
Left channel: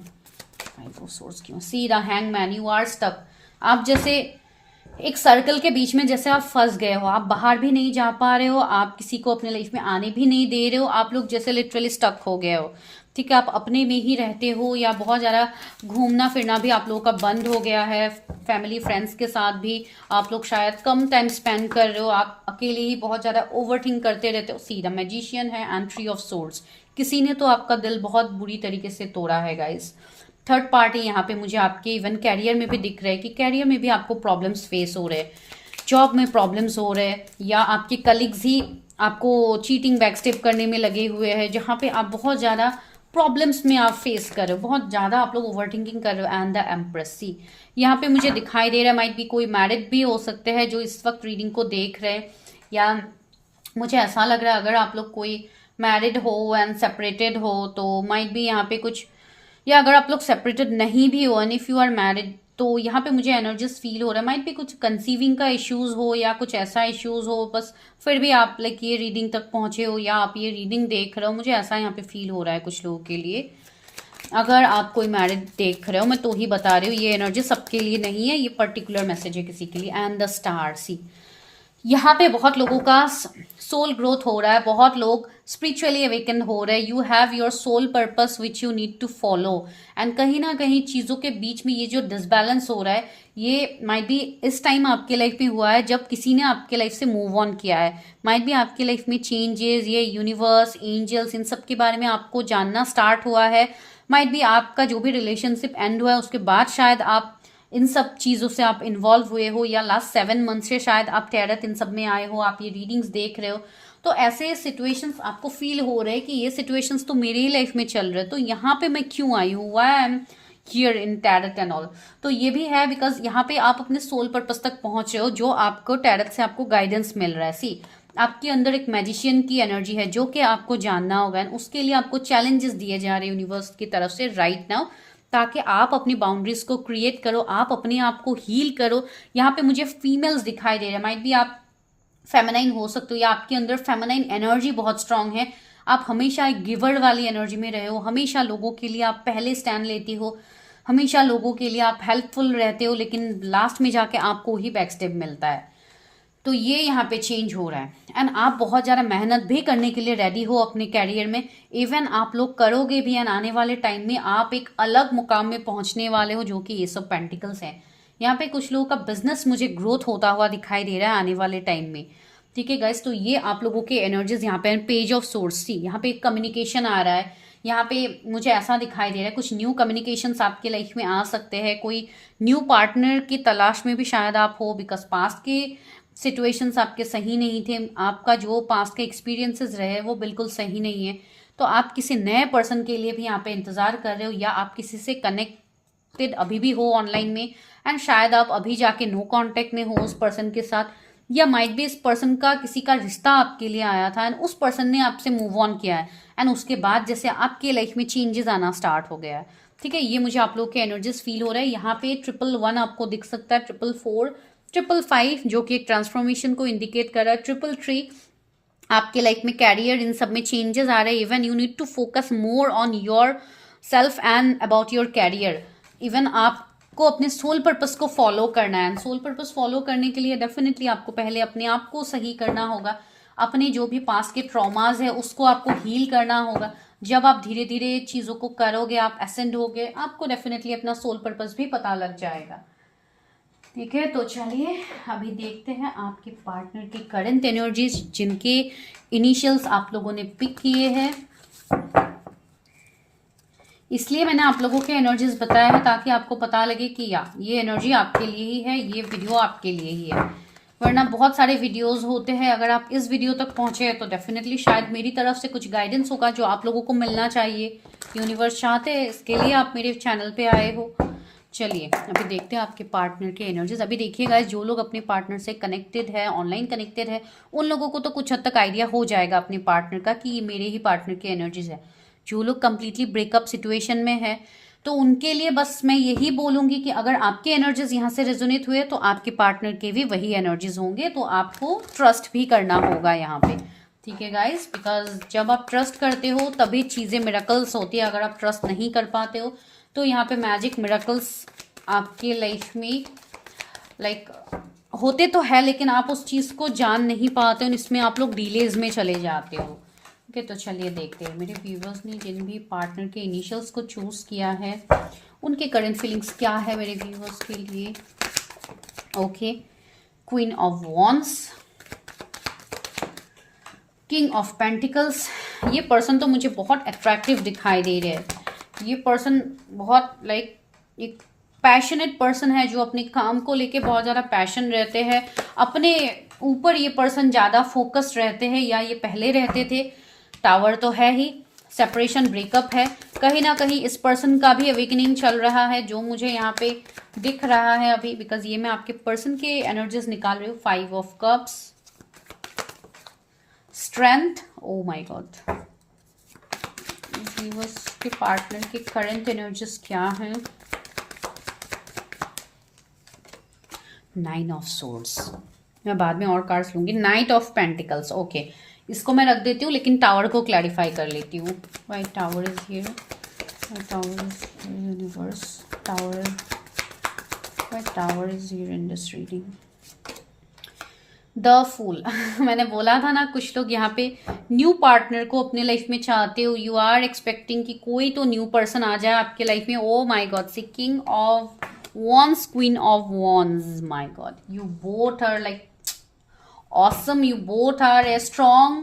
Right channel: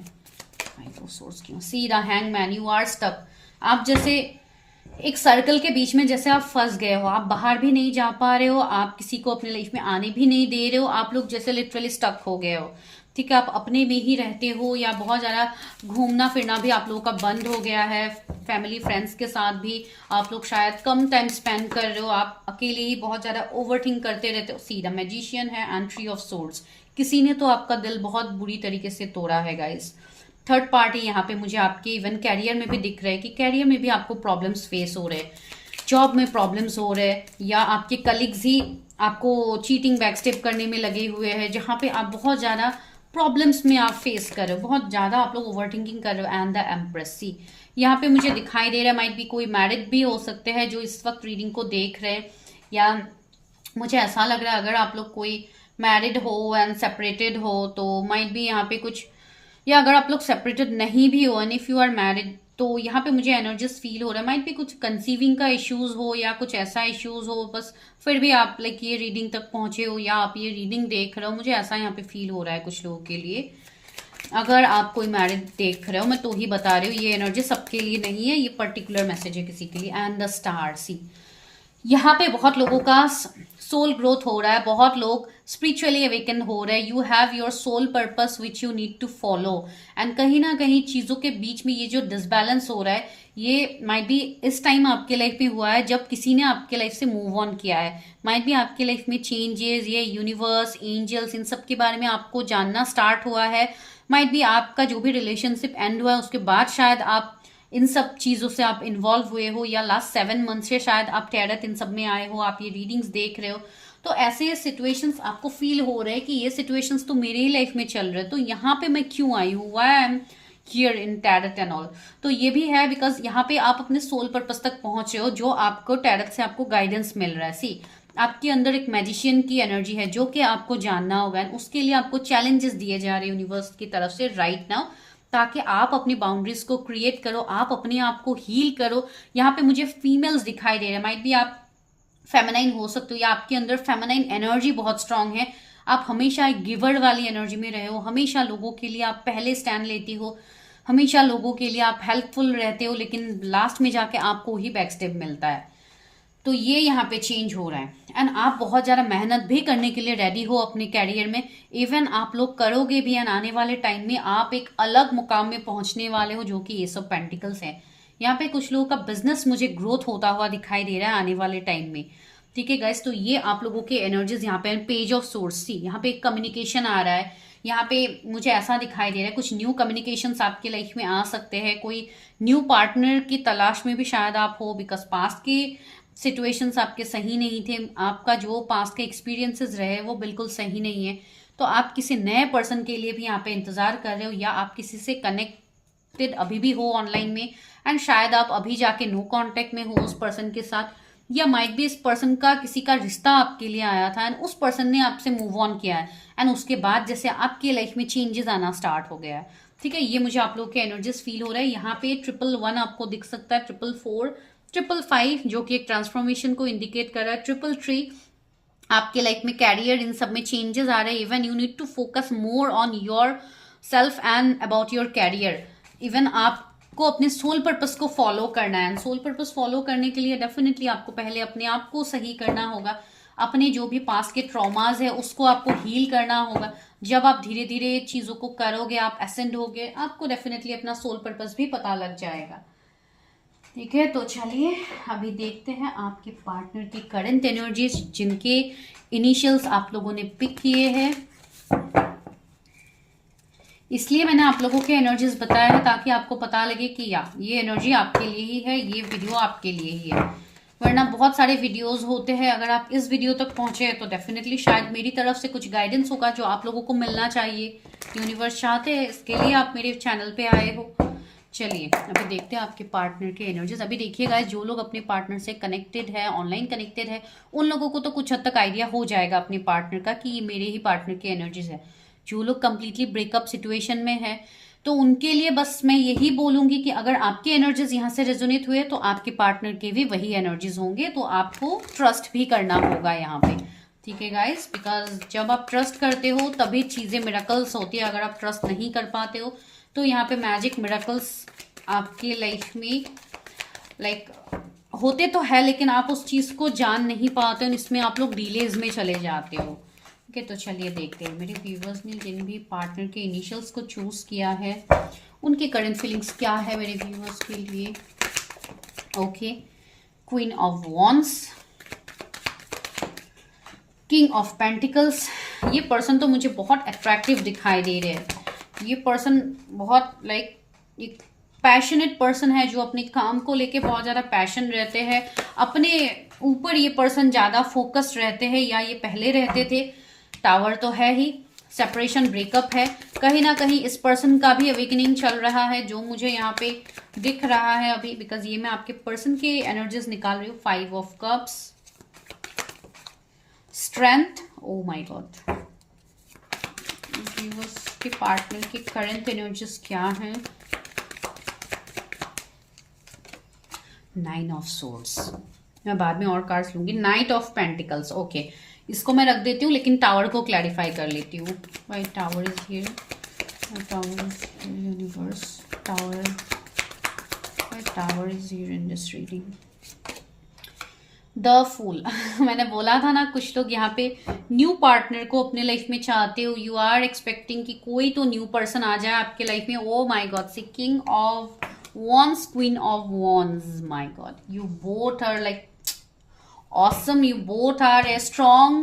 5 ऑफ सोर्स क्यों। See the hangman, you are stuck. आप जैसे एक सर्कल के बीच में जैसे आप फंस गए हो, आप बाहर भी नहीं जा पा रहे हो, आप किसी को अपने लाइफ में आने भी नहीं दे रहे हो, आप लोग जैसे लिटरली स्टक हो गए हो। ठीक है, आप अपने में ही रहते हो या बहुत ज़्यादा घूमना फिरना भी आप लोगों का बंद हो गया है। फैमिली फ्रेंड्स के साथ भी आप लोग शायद कम टाइम स्पेंड कर रहे हो, आप अकेले ही बहुत ज़्यादा ओवरथिंक करते रहते हो। सी द मैजिशियन है एंड 3 ऑफ सोर्ड्स, किसी ने तो आपका दिल बहुत बुरी तरीके से तोड़ा है गाइस। थर्ड पार्टी यहाँ पे मुझे आपके इवन कैरियर में भी दिख रहा है कि कैरियर में भी आपको प्रॉब्लम्स फेस हो रहे हैं, जॉब में प्रॉब्लम्स हो रहे हैं, या आपके कलीग्स ही आपको चीटिंग, बैकस्टेप करने में लगे हुए हैं, जहाँ पे आप बहुत ज़्यादा प्रॉब्लम्स में आप फेस कर रहे हो, बहुत ज़्यादा आप लोग ओवरथिंकिंग कर रहे हो। एंड द एम्प्रेस, सी यहाँ पे मुझे दिखाई दे रहा है माइट भी कोई मैरिड भी हो सकते हैं जो इस वक्त रीडिंग को देख रहे हैं, या मुझे ऐसा लग रहा है अगर आप लोग कोई मैरिड हो एंड सेपरेटेड हो तो माइट भी यहाँ पे कुछ, या अगर आप लोग सेपरेटेड नहीं भी हो and if you are married तो यहाँ पे मुझे एनर्जीज फील हो रहा है। माइट भी कुछ कंसीविंग का इश्यूज हो या कुछ ऐसा इश्यूज हो, बस फिर भी आप लाइक ये रीडिंग तक पहुंचे हो या आप ये रीडिंग देख रहे हो, मुझे ऐसा यहाँ पे फील हो रहा है कुछ लोगों के लिए। अगर आप कोई मैरिड देख रहे हो, मैं तो ही बता रही हूँ, ये एनर्जी सबके लिए नहीं है, ये पर्टिकुलर मैसेज है किसी के लिए। एंड द स्टार, सी यहाँ पे बहुत लोगों का सोल ग्रोथ हो रहा है, बहुत लोग स्पिरिचुअली अवेकन हो रहे हैं। You have your soul purpose which you need to follow, and कहीं ना कहीं चीज़ों के बीच में ये जो डिसबैलेंस हो रहा है, ये माइट भी इस टाइम आपके लाइफ में हुआ है जब किसी ने आपके लाइफ से मूव ऑन किया है। माइट भी आपके लाइफ में चेंजेस, ये यूनिवर्स, एंजल्स, इन सब के बारे में आपको जानना स्टार्ट हुआ है। माइट बी आपका जो भी रिलेशनशिप एंड हुआ है उसके बाद शायद आप इन सब चीजों से आप इन्वॉल्व हुए हो, या लास्ट 7 मंथ से शायद आप टैरट इन सब में आए हो, आप ये रीडिंग्स देख रहे हो। तो ऐसे सिचुएशंस आपको फील हो रहे हैं कि ये सिचुएशंस तो मेरे ही लाइफ में चल रहे हैं, तो यहाँ पे मैं क्यों आई हूँ, why I am here in tarot and all. तो ये भी है बिकॉज यहाँ पे आप अपने सोल पर्पस तक पहुंच रहे हो, जो आपको टैरट से आपको गाइडेंस मिल रहा है। सी, आपके अंदर एक मैजिशियन की एनर्जी है जो कि आपको जानना होगा, उसके लिए आपको चैलेंजेस दिए जा रहे हैं यूनिवर्स की तरफ से राइट नाउ, ताकि आप अपनी बाउंड्रीज को क्रिएट करो, आप अपने आप को हील करो। यहाँ पे मुझे फीमेल्स दिखाई दे रहे हैं, माइट भी आप फेमिनाइन हो सकते हो, या आपके अंदर फेमिनाइन एनर्जी बहुत स्ट्रांग है, आप हमेशा एक गिवर वाली एनर्जी में रहे हो, हमेशा लोगों के लिए आप पहले स्टैंड लेती हो, हमेशा लोगों के लिए आप हेल्पफुल रहते हो, लेकिन लास्ट में जाके आपको ही बैकस्टेप मिलता है। तो ये यहाँ पे चेंज हो रहा है एंड आप बहुत ज़्यादा मेहनत भी करने के लिए रेडी हो अपने कैरियर में। इवन आप लोग करोगे भी एंड आने वाले टाइम में आप एक अलग मुकाम में पहुंचने वाले हो, जो कि ये सब पेंटिकल्स हैं। यहाँ पे कुछ लोगों का बिजनेस मुझे ग्रोथ होता हुआ दिखाई दे रहा है आने वाले टाइम में। ठीक है गाइस, तो ये आप लोगों के एनर्जीज यहाँ पे पेज ऑफ सोर्स सी, यहाँ पे कम्युनिकेशन आ रहा है, यहाँ पे मुझे ऐसा दिखाई दे रहा है कुछ न्यू कम्युनिकेशंस आपके लाइफ में आ सकते हैं, कोई न्यू पार्टनर की तलाश में भी शायद आप हो, बिकॉज पास्ट की सिचुएशंस आपके सही नहीं थे, आपका जो पास्ट के एक्सपीरियंसेस रहे वो बिल्कुल सही नहीं है। तो आप किसी नए पर्सन के लिए भी यहाँ पे इंतजार कर रहे हो, या आप किसी से कनेक्टेड अभी भी हो ऑनलाइन में एंड शायद आप अभी जाके नो कांटेक्ट में हो उस पर्सन के साथ, या माइट भी इस पर्सन का किसी का रिश्ता आपके लिए आया था एंड उस पर्सन ने आपसे मूव ऑन किया है एंड उसके बाद जैसे आपके लाइफ में चेंजेस आना स्टार्ट हो गया है। ठीक है, ये मुझे आप लोग के एनर्जीज फील हो रहा है। यहाँ पे 111 आपको दिख सकता है, 444, 555 जो कि एक ट्रांसफॉर्मेशन को इंडिकेट कर रहा है, 333 आपके लाइफ में कैरियर इन सब में चेंजेस आ रहे हैं। Even you need to focus more on yourself and about your career. Even आपको अपने सोल पर्पस को फॉलो करना है, सोल पर्पस फॉलो करने के लिए डेफिनेटली आपको पहले अपने आप को सही करना होगा, अपने जो भी पास्ट के ट्रॉमाज है उसको आपको हील करना होगा। जब आप धीरे धीरे चीजों को करोगे, आप एसेंड होगे, आपको डेफिनेटली अपना सोल पर्पस भी पता लग जाएगा। ठीक है, तो चलिए अभी देखते हैं आपके पार्टनर की करंट एनर्जीज, जिनके इनिशियल्स आप लोगों ने पिक किए हैं। इसलिए मैंने आप लोगों के एनर्जीज बताया है ताकि आपको पता लगे कि या ये एनर्जी आपके लिए ही है, ये वीडियो आपके लिए ही है। वरना बहुत सारे वीडियोस होते हैं, अगर आप इस वीडियो तक पहुंचे हैं तो डेफिनेटली शायद मेरी तरफ से कुछ गाइडेंस होगा जो आप लोगों को मिलना चाहिए, यूनिवर्स चाहते हैं, इसके लिए आप मेरे चैनल पे आए हो। चलिए अभी देखते हैं आपके पार्टनर के एनर्जीज। अभी देखिए गाइस, जो लोग अपने पार्टनर से कनेक्टेड है, ऑनलाइन कनेक्टेड है, उन लोगों को तो कुछ हद तक आइडिया हो जाएगा अपने पार्टनर का कि ये मेरे ही पार्टनर की एनर्जीज है। जो लोग कंप्लीटली ब्रेकअप सिचुएशन में है तो उनके लिए बस मैं यही बोलूंगी कि अगर आपके एनर्जीज यहाँ से रेजोनेट हुए तो आपके पार्टनर के भी वही एनर्जीज होंगे, तो आपको ट्रस्ट भी करना होगा यहाँ पे। ठीक है गाइस, बिकॉज जब आप ट्रस्ट करते हो तभी चीजें मिरेकल्स होती है। अगर आप ट्रस्ट नहीं कर पाते हो तो यहाँ पे मैजिक मिरेकल्स आपके लाइफ में लाइक होते तो है, लेकिन आप उस चीज को जान नहीं पाते हो, इसमें आप लोग डिलेज में चले जाते हो। ओके, तो चलिए देखते हैं मेरे व्यूवर्स ने जिन भी पार्टनर के इनिशियल्स को चूज किया है उनके करंट फीलिंग्स क्या है मेरे व्यूवर्स के लिए। Okay, queen of wands, king of pentacles. ये पर्सन तो मुझे बहुत अट्रैक्टिव दिखाई दे रहे हैं। ये पर्सन बहुत लाइक एक पैशनेट पर्सन है, जो अपने काम को लेके बहुत ज़्यादा पैशन रहते हैं, अपने ऊपर ये पर्सन ज़्यादा फोकस रहते हैं, या ये पहले रहते थे। टावर तो है ही, सेपरेशन ब्रेकअप है, कहीं ना कहीं इस पर्सन का भी अवेकनिंग चल रहा है जो मुझे यहाँ पे दिख रहा है अभी, बिकॉज ये मैं आपके पर्सन के एनर्जीज निकाल रही हूँ। 5 of cups, strength, O my God. के पार्टनर के करंट एनर्जीज क्या है? 9 ऑफ सोर्ड्स, मैं बाद में और कार्ड्स लूंगी। नाइट ऑफ पेंटिकल्स, ओके, इसको मैं रख देती हूँ, लेकिन टावर को क्लैरिफाई कर लेती हूँ। Why tower is here, tower is universe, tower is here in this reading. The fool मैंने बोला था ना, कुछ लोग यहाँ पे न्यू पार्टनर को अपने लाइफ में चाहते हो, यू आर एक्सपेक्टिंग कि कोई तो न्यू पर्सन आ जाए आपके लाइफ में। Oh my God, see king of wands, queen of wands, my God, you both are like awesome, you both are a strong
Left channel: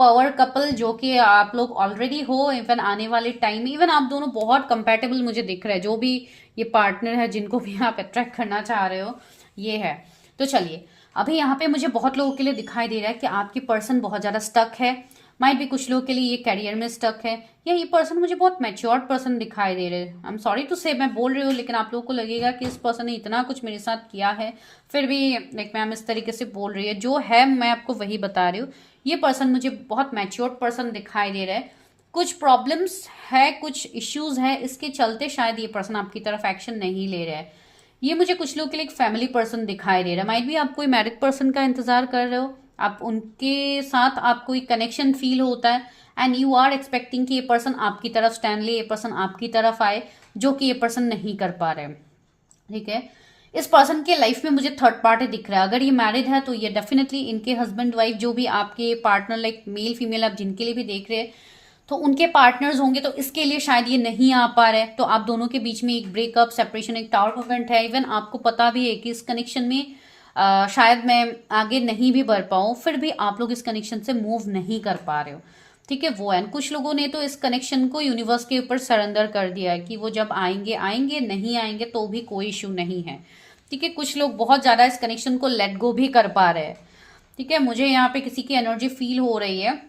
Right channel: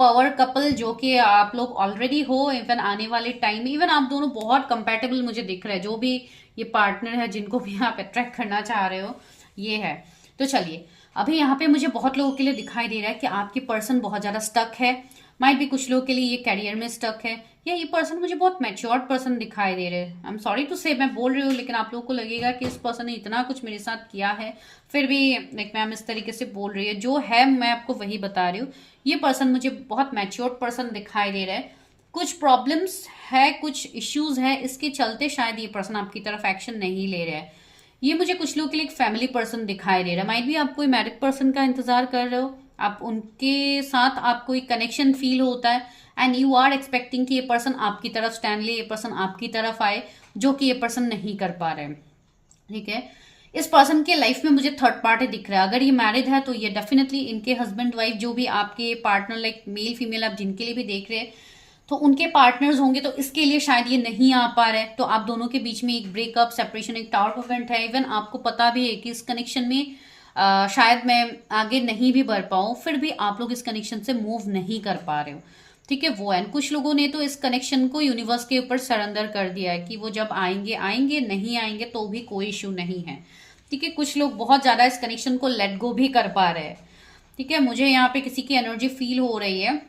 power couple जो कि आप लोग ऑलरेडी हो, इवन आने वाले टाइम में इवन आप दोनों बहुत कंपेटेबल मुझे दिख रहा है। जो भी ये पार्टनर है जिनको भी आप अट्रैक्ट करना चाह रहे हो, ये है। तो चलिए, अभी यहाँ पे मुझे बहुत लोगों के लिए दिखाई दे रहा है कि आपकी पर्सन बहुत ज्यादा स्टक है। माइट भी कुछ लोगों के लिए ये करियर में स्टक है, या ये पर्सन मुझे बहुत मैच्योर्ड पर्सन दिखाई दे रहे हैं। आई एम सॉरी टू से मैं बोल रही हूँ, लेकिन आप लोगों को लगेगा कि इस पर्सन ने इतना कुछ मेरे साथ किया है, फिर भी लाइक मैम इस तरीके से बोल रही है। जो है मैं आपको वही बता रही हूँ। ये पर्सन मुझे बहुत मैच्योर्ड पर्सन दिखाई दे रहा है। कुछ प्रॉब्लम्स है, कुछ इश्यूज है, इसके चलते शायद ये पर्सन आपकी तरफ एक्शन नहीं ले रहा है। ये मुझे कुछ लोगों के लिए एक फैमिली पर्सन दिखाई दे रहा है। माइट भी आप कोई मैरिड पर्सन का इंतजार कर रहे हो, आप उनके साथ आपको एक कनेक्शन फील होता है एंड यू आर एक्सपेक्टिंग कि ये पर्सन आपकी तरफ स्टैंड ले, ये पर्सन आपकी तरफ आए, जो कि ये पर्सन नहीं कर पा रहे हैं। ठीक है, इस पर्सन के लाइफ में मुझे थर्ड पार्टी दिख रहा है। अगर ये मैरिड है तो ये डेफिनेटली इनके हस्बैंड वाइफ जो भी आपके पार्टनर लाइक मेल फीमेल आप जिनके लिए भी देख रहे हैं, तो उनके पार्टनर्स होंगे, तो इसके लिए शायद ये नहीं आ पा रहे। तो आप दोनों के बीच में एक ब्रेकअप, सेपरेशन, एक टावर मूवमेंट है। इवन आपको पता भी है कि इस कनेक्शन में शायद मैं आगे नहीं भी बढ़ पाऊँ, फिर भी आप लोग इस कनेक्शन से मूव नहीं कर पा रहे हो। ठीक है, वो है। कुछ लोगों ने तो इस कनेक्शन को यूनिवर्स के ऊपर सरेंडर कर दिया है कि वो जब आएंगे आएंगे, नहीं आएंगे तो भी कोई इश्यू नहीं है। ठीक है, कुछ लोग बहुत ज्यादा इस कनेक्शन को लेट गो भी कर पा रहे हैं। ठीक है, मुझे यहाँ पे किसी की एनर्जी फील हो रही है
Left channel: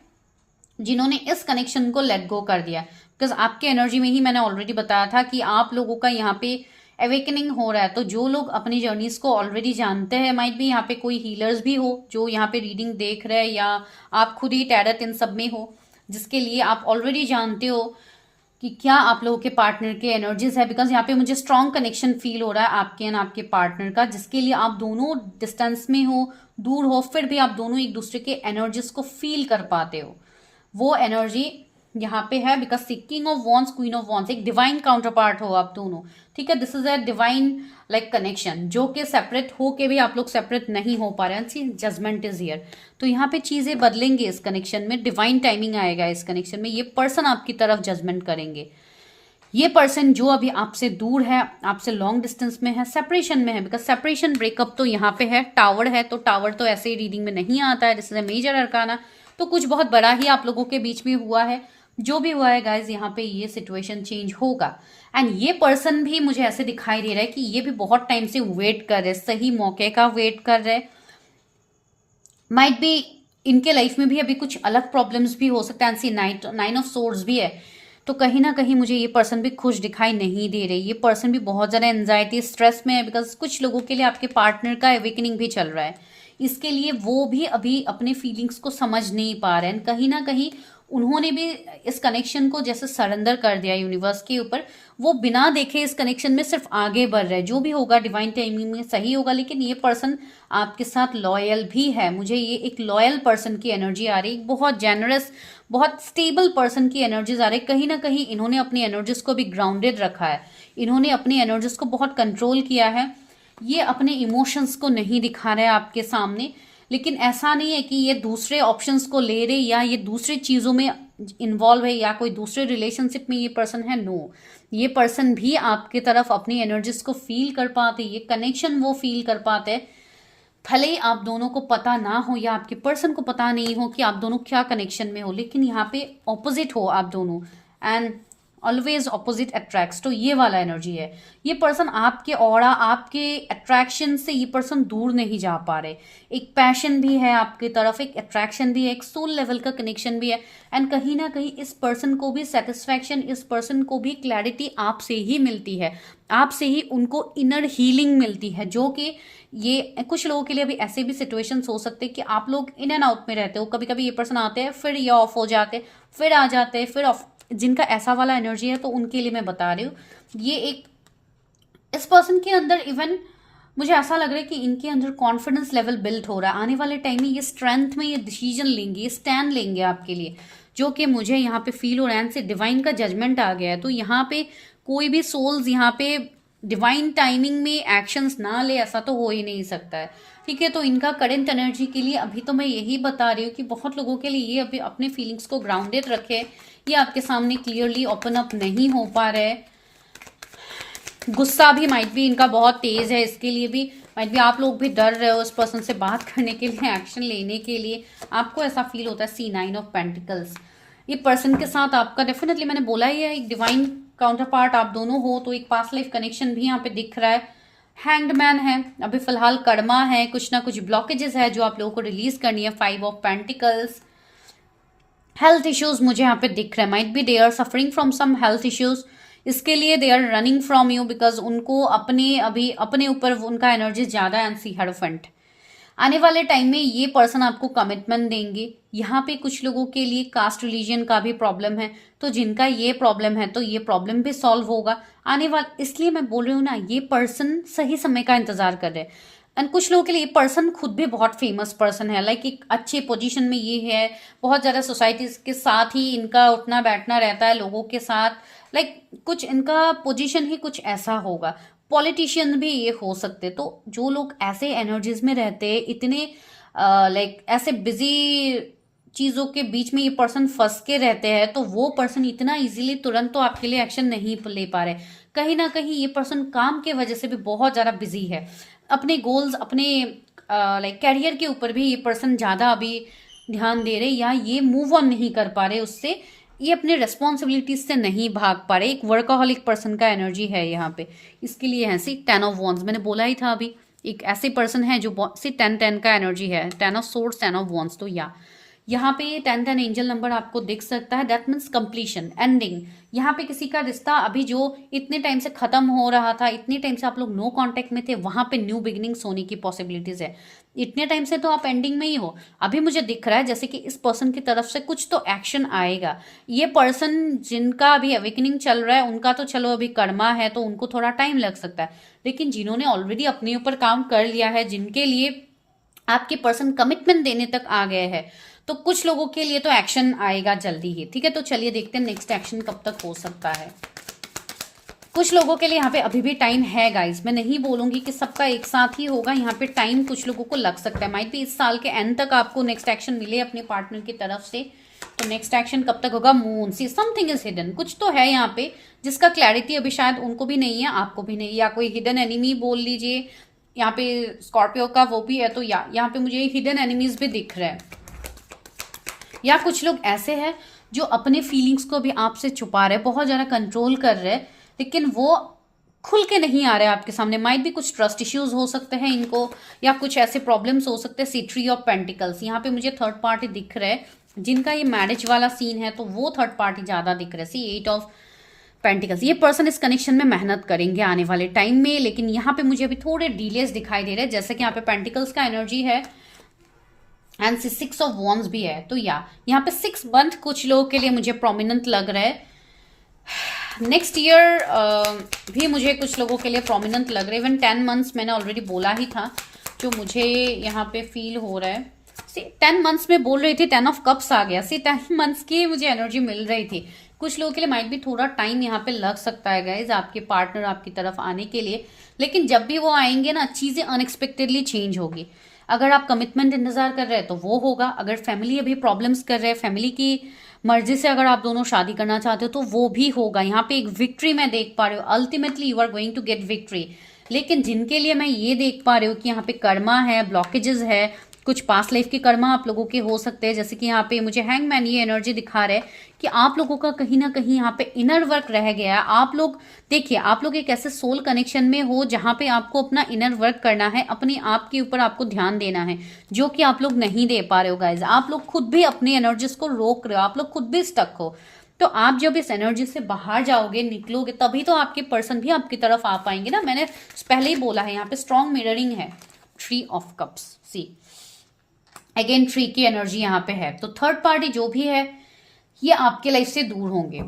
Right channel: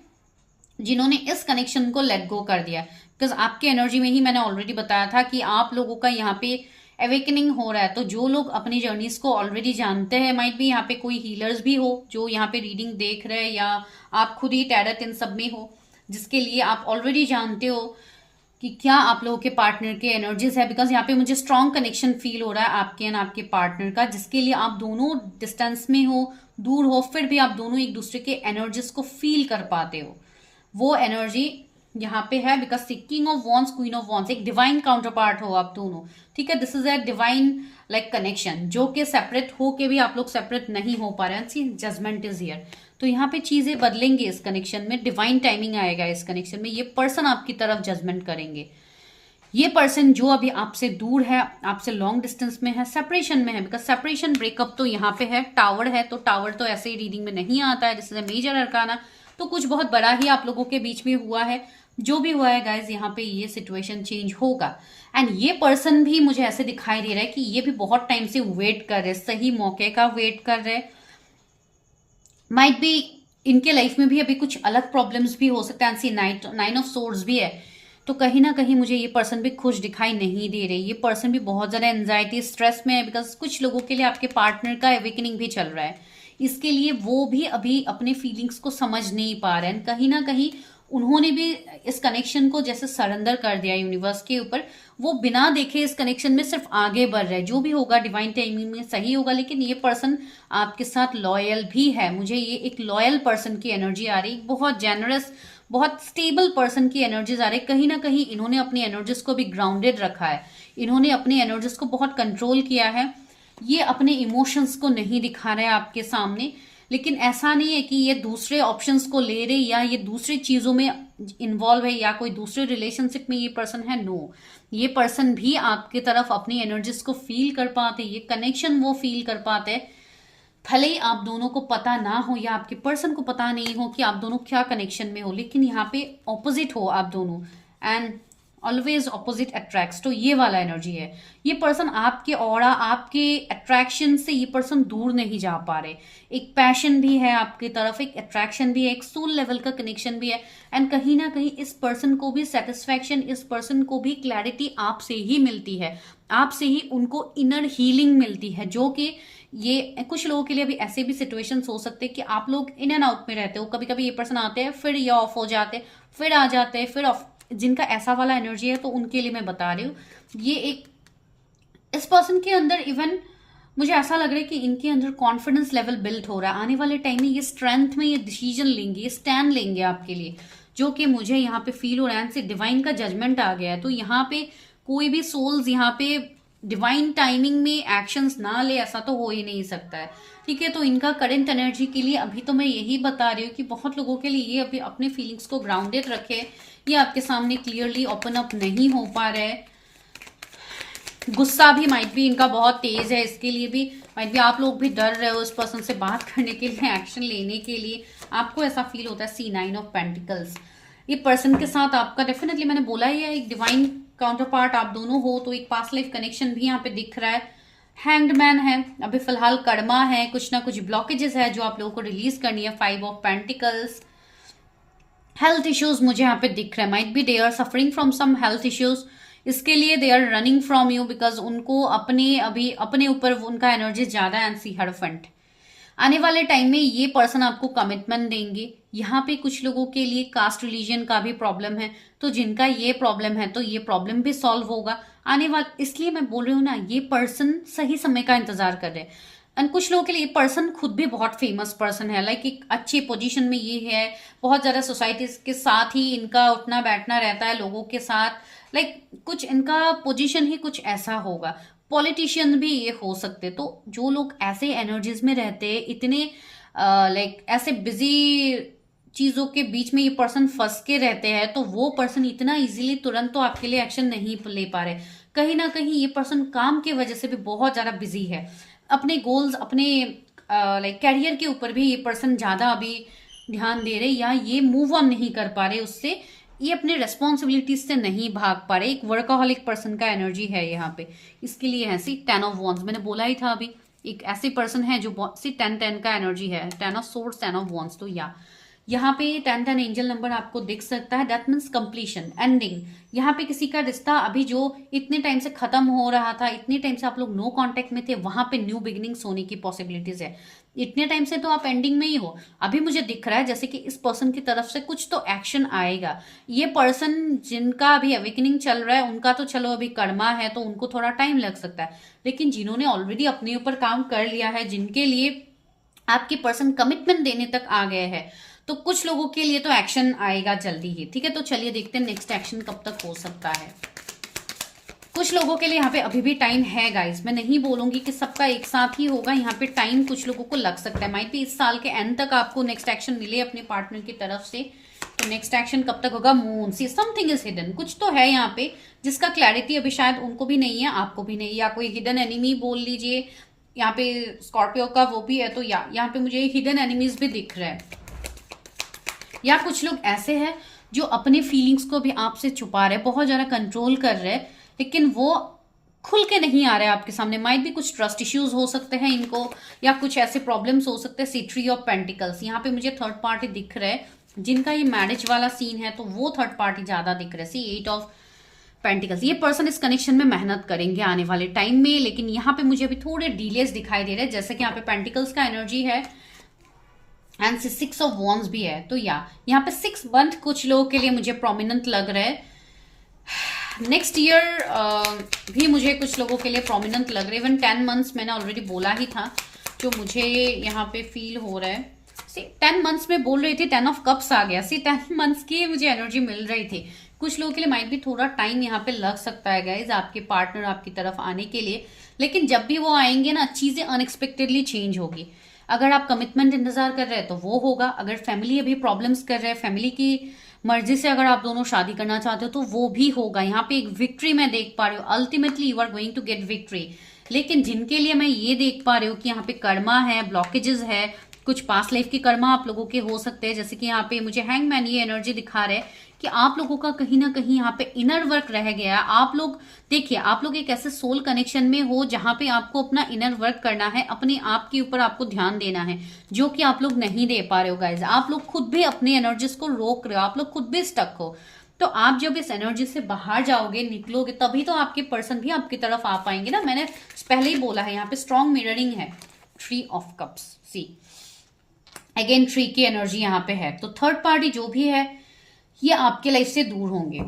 जिन्होंने इस कनेक्शन को लेट गो कर दिया, बिकॉज आपके एनर्जी में ही मैंने ऑलरेडी बताया था कि आप लोगों का यहाँ पे अवेकनिंग हो रहा है। तो जो लोग अपनी जर्नीज को ऑलरेडी जानते हैं, माइट भी यहाँ पे कोई हीलर्स भी हो जो यहाँ पे रीडिंग देख रहे हैं, या आप खुद ही टैरट इन सब में हो, जिसके लिए आप ऑलरेडी जानते हो कि क्या आप लोगों के पार्टनर के एनर्जीज है। बिकॉज यहाँ पे मुझे स्ट्रॉन्ग कनेक्शन फील हो रहा है आपके एंड आपके पार्टनर का, जिसके लिए आप दोनों डिस्टेंस में हो, दूर हो, फिर भी आप दोनों एक दूसरे के एनर्जीज को फील कर पाते हो। वो एनर्जी यहाँ पे है। Because king of wands, queen of wands, एक डिवाइन काउंटर पार्ट हो आप दोनों। ठीक है, this is a divine like connection, जो कि सेपरेट हो के भी आप लोग सेपरेट नहीं हो पा रहे हैं। Judgment is here. तो यहाँ पे चीजें बदलेंगे इस कनेक्शन में, डिवाइन टाइमिंग आएगा इस कनेक्शन में। ये पर्सन आपकी तरफ जजमेंट करेंगे। ये पर्सन जो अभी आपसे दूर है, आपसे लॉन्ग डिस्टेंस में है, सेपरेशन में है, बिकॉज सेपरेशन ब्रेकअप तो यहाँ पे है। टावर है, तो टावर तो ऐसे ही रीडिंग में नहीं आता है, this is a major arcana. तो कुछ बहुत बड़ा ही आप लोगों के बीच में हुआ है। जो भी हुआ है गाइज, यहाँ पे ये सिचुएशन चेंज होगा। एंड ये पर्सन भी मुझे ऐसे दिखाई दे रहा है कि ये भी बहुत टाइम से वेट कर रहे, सही मौके का वेट कर रहे। माइट बी इनके लाइफ में भी अभी कुछ अलग प्रॉब्लम्स भी हो सकते हैं। नाइन ऑफ सोर्ड्स भी है, तो कहीं ना कहीं मुझे ये पर्सन भी खुश दिखाई नहीं दे रही। ये पर्सन भी बहुत ज्यादा एंजाइटी, स्ट्रेस में है, बिकॉज कुछ लोगों के लिए आपके पार्टनर का अवेकनिंग भी चल रहा है। इसके लिए वो भी अभी अपने फीलिंग्स को समझ नहीं पा रहे हैं। कहीं ना कहीं उन्होंने भी इस कनेक्शन को जैसे सरेंडर कर दिया यूनिवर्स के ऊपर। वो बिना देखे इस कनेक्शन में सिर्फ आगे बढ़ रहे हैं। जो भी होगा डिवाइन टाइमिंग में सही होगा। लेकिन ये पर्सन आपके साथ लॉयल भी है। मुझे ये एक लॉयल पर्सन की एनर्जी आ रही है, बहुत जेनरस, बहुत स्टेबल पर्सन की एनर्जीज आ रही है। कहीं ना कहीं इन्होंने अपनी एनर्जीज को भी ग्राउंडेड रखा है, इन्होंने अपनी एनर्जीज को बहुत कंट्रोल किया है। ये अपने इमोशंस को नहीं दिखा रहे हैं आपके सामने, लेकिन ऐसा नहीं है कि ये दूसरे ऑप्शंस को ले रहे या ये दूसरी चीजों में इन्वॉल्व है या कोई दूसरे रिलेशनशिप में ये पर्सन है। नो, ये पर्सन भी आपकी तरफ अपनी एनर्जीज को फील कर पाते, ये कनेक्शन वो फील कर पाते हैं। भले ही आप दोनों को पता ना हो या आपके पर्सन को पता नहीं हो कि आप दोनों क्या कनेक्शन में हो, लेकिन यहाँ पे ऑपोजिट हो आप दोनों, एंड ऑलवेज ऑपोजिट अट्रैक्ट्स। तो ये वाला एनर्जी है। ये पर्सन आपके ऑरा, आपके अट्रैक्शन से ये पर्सन दूर नहीं जा पा रहे। एक पैशन भी है आपकी तरफ, एक अट्रैक्शन भी है, एक सोल लेवल का कनेक्शन भी है। एंड कहीं ना कहीं इस पर्सन को भी सेटिस्फैक्शन, इस पर्सन को भी क्लैरिटी आपसे ही मिलती है, आपसे ही उनको इनर हीलिंग मिलती है। जो कि ये कुछ लोगों के लिए भी ऐसे भी सिचुएशंस हो सकते हैं कि आप लोग इन एंड आउट में रहते हो। कभी कभी ये पर्सन आते हैं, फिर ये ऑफ हो जाते, फिर आ जाते, फिर ऑफ। जिनका ऐसा वाला एनर्जी है तो उनके लिए मैं बता रही हूँ। ये एक इस पर्सन के अंदर इवन मुझे ऐसा लग रहा है कि इनके अंदर कॉन्फिडेंस लेवल बिल्ड हो रहा है। आने वाले टाइम में ये स्ट्रेंथ में ये डिसीजन लेंगे, ये स्टैंड लेंगे आपके लिए, जो कि मुझे यहाँ पे फील हो रहा है। से डिवाइन का जजमेंट आ गया है। तो यहाँ पे कोई भी सोल्स यहाँ पे डिवाइन टाइमिंग में एक्शंस ना ले, ऐसा तो हो ही नहीं सकता है। ठीक है, तो इनका करंट एनर्जी के लिए अभी तो मैं यही बता रही हूँ कि बहुत लोगों के लिए ये अभी अपने फीलिंग्स को ग्राउंडेड रखे, ये आपके सामने क्लियरली ओपन अप नहीं हो पा रहे। गुस्सा भी माइट भी इनका बहुत तेज है, इसके लिए भी माइट भी आप लोग भी डर रहे हो उस पर्सन से बात करने के लिए, एक्शन लेने के लिए, आपको ऐसा फील होता है। C9 ऑफ पेंटिकल्स, ये पर्सन के साथ आपका डेफिनेटली, मैंने बोला ही है, एक डिवाइन काउंटर पार्ट आप दोनों हो, तो एक पास्ट लाइफ कनेक्शन भी यहाँ पे दिख रहा है। हैंग्ड मैन है, अभी फिलहाल कर्मा है, कुछ ना कुछ ब्लॉकेजेस है जो आप लोगों को रिलीज करनी है। 5 ऑफ पेंटिकल्स, हेल्थ इश्यूज मुझे यहाँ पे दिख रहे हैं, might be they are suffering from some health issues, इसके लिए they are running from you because उनको अपने ऊपर उनका एनर्जी ज्यादा है। एंड सी हेरोफेंट, आने वाले टाइम में ये पर्सन आपको कमिटमेंट देंगे। यहाँ पे कुछ लोगों के लिए कास्ट रिलीजन का भी प्रॉब्लम है, तो जिनका ये प्रॉब्लम है तो ये प्रॉब्लम भी सॉल्व होगा आने वाला, इसलिए मैं बोल रही हूँ ना, ये पर्सन सही समय का इंतजार कर रहे हैं। एंड कुछ लोगों के लिए पर्सन खुद भी बहुत फेमस पर्सन है, लाइक एक अच्छी पोजीशन में ये है, बहुत ज्यादा सोसाइटी के साथ ही इनका उठना बैठना रहता है, लोगों के साथ, लाइक कुछ इनका पोजीशन ही कुछ ऐसा होगा। पॉलिटिशियन भी ये हो सकते, तो जो लोग ऐसे एनर्जीज में रहते हैं, इतने लाइक ऐसे बिजी चीजों के बीच में ये पर्सन फंस के रहते हैं, तो वो पर्सन इतना इजीली तुरंत तो आपके लिए एक्शन नहीं ले पा रहे। कहीं ना कहीं ये पर्सन काम के वजह से भी बहुत ज्यादा बिजी है, अपने गोल्स, अपने लाइक कैरियर के ऊपर भी ये पर्सन ज्यादा अभी ध्यान दे रहे, या ये मूव ऑन नहीं कर पा रहे उससे, ये अपने रेस्पॉन्सिबिलिटीज से नहीं भाग पा रहे। एक वर्काहॉलिक पर्सन का एनर्जी है यहाँ पे, इसके लिए है सी 10 ऑफ वॉन्ड्स, मैंने बोला ही था अभी, एक ऐसे पर्सन है जो सी 10-10 का एनर्जी है, 10 ऑफ सोर्ड्स, 10 ऑफ वॉन्ड्स। तो या यहाँ पे 10-10 एंजल नंबर आपको दिख सकता है, दैट मीन्स कंप्लीशन, एंडिंग। यहाँ पे किसी का रिश्ता अभी जो इतने टाइम से खत्म हो रहा था, इतने टाइम से आप लोग नो कांटेक्ट में थे, वहां पे न्यू बिगिनिंग्स होने की पॉसिबिलिटीज है। इतने टाइम से तो आप एंडिंग में ही हो, अभी मुझे दिख रहा है जैसे कि इस पर्सन की तरफ से कुछ तो एक्शन आएगा। ये पर्सन जिनका अभी अवेकनिंग चल रहा है, उनका तो चलो अभी कर्मा है तो उनको थोड़ा टाइम लग सकता है, लेकिन जिन्होंने ऑलरेडी अपने ऊपर काम कर लिया है, जिनके लिए आपके पर्सन कमिटमेंट देने तक आ गए हैं, तो कुछ लोगों के लिए तो एक्शन आएगा जल्दी ही। ठीक है, तो चलिए देखते हैं नेक्स्ट एक्शन कब तक हो सकता है। कुछ लोगों के लिए यहाँ पे अभी भी टाइम है गाइस, मैं नहीं बोलूंगी कि सबका एक साथ ही होगा, यहाँ पे टाइम कुछ लोगों को लग सकता है। माइट भी इस साल के एंड तक आपको नेक्स्ट एक्शन मिले अपने पार्टनर की तरफ से। तो नेक्स्ट एक्शन कब तक होगा? Moon, see something is hidden, कुछ तो है यहाँ पे जिसका क्लैरिटी अभी शायद उनको भी नहीं है, आपको भी नहीं, या कोई हिडन एनिमी बोल लीजिए। यहाँ पे स्कॉर्पियो का वो भी है, तो या यहाँ पे मुझे हिडन एनिमीज भी दिख रहे हैं, या कुछ लोग ऐसे हैं जो अपने फीलिंग्स को भी आपसे छुपा रहे, बहुत ज्यादा कंट्रोल कर रहे, लेकिन वो खुल के नहीं आ रहे आपके सामने। माइट भी कुछ ट्रस्ट इश्यूज हो सकते हैं इनको, या कुछ ऐसे प्रॉब्लम्स हो सकते हैं। सी 3 ऑफ पेंटिकल्स, यहाँ पे मुझे थर्ड पार्टी दिख रहे हैं, जिनका ये मैरिज वाला सीन है तो वो थर्ड पार्टी ज्यादा दिख रहे हैं। सी 8 ऑफ पेंटिकल्स, ये पर्सन इस कनेक्शन में मेहनत करेंगे आने वाले टाइम में, लेकिन यहाँ पे मुझे अभी थोड़े डिलेस दिखाई दे रहे हैं, जैसे कि यहाँ पे पेंटिकल्स का एनर्जी है एंड 6 ऑफ वॉन्ड्स भी है। तो या यहाँ पे 6 मंथ कुछ लोगों के लिए मुझे प्रोमिनेंट लग रहा है। नेक्स्ट ईयर भी मुझे कुछ लोगों के लिए प्रोमिनेंट लग रहा है। इवन 10 मंथ्स मैंने ऑलरेडी बोला ही था, जो मुझे यहाँ पे फील हो रहा है। सी 10 मंथ्स में बोल रही थी, 10 ऑफ कप्स आ गया। सी 10 मंथ्स की मुझे एनर्जी मिल रही थी। कुछ लोगों के लिए माइट भी थोड़ा टाइम यहाँ पे लग सकता है गाइज, आपके पार्टनर आपकी तरफ आने के लिए, लेकिन जब भी वो आएंगे ना, चीजें अनएक्सपेक्टेडली चेंज होगी। अगर आप कमिटमेंट इंतजार कर रहे हैं तो वो होगा, अगर फैमिली अभी प्रॉब्लम्स कर रहे हैं, फैमिली की मर्जी से अगर आप दोनों शादी करना चाहते हो तो वो भी होगा। यहाँ पे एक विक्ट्री मैं देख पा रही हूँ, ultimately you are going to get victory. लेकिन जिनके लिए मैं ये देख पा रही हूँ कि यहाँ पे कर्मा है, ब्लॉकेजेस है, कुछ पास्ट लाइफ के कर्मा आप लोगों के हो सकते हैं, जैसे कि यहाँ पे मुझे हैंगमैन ये एनर्जी दिखा रहे हैं कि आप लोगों का कहीं ना कहीं यहाँ पे इनर वर्क रह गया। आप लोग देखिए, आप लोग एक ऐसे सोल कनेक्शन में हो जहां पे आपको अपना इनर वर्क करना है, अपने आप के ऊपर आपको ध्यान देना है, जो कि आप लोग नहीं दे पा रहे हो गाइज। आप लोग खुद भी अपनी एनर्जीज को रोक रहे हो, आप लोग खुद भी स्टक हो। तो आप जब इस एनर्जी से बाहर जाओगे, निकलोगे, तभी तो आपके पर्सन भी आपकी तरफ आ पाएंगे ना। मैंने पहले ही बोला है, यहाँ पे स्ट्रॉन्ग मिररिंग है। 3 ऑफ कप्स, सी अगेन 3 की एनर्जी यहाँ पे है। तो थर्ड पार्टी जो भी है ये आपके लाइफ से दूर होंगे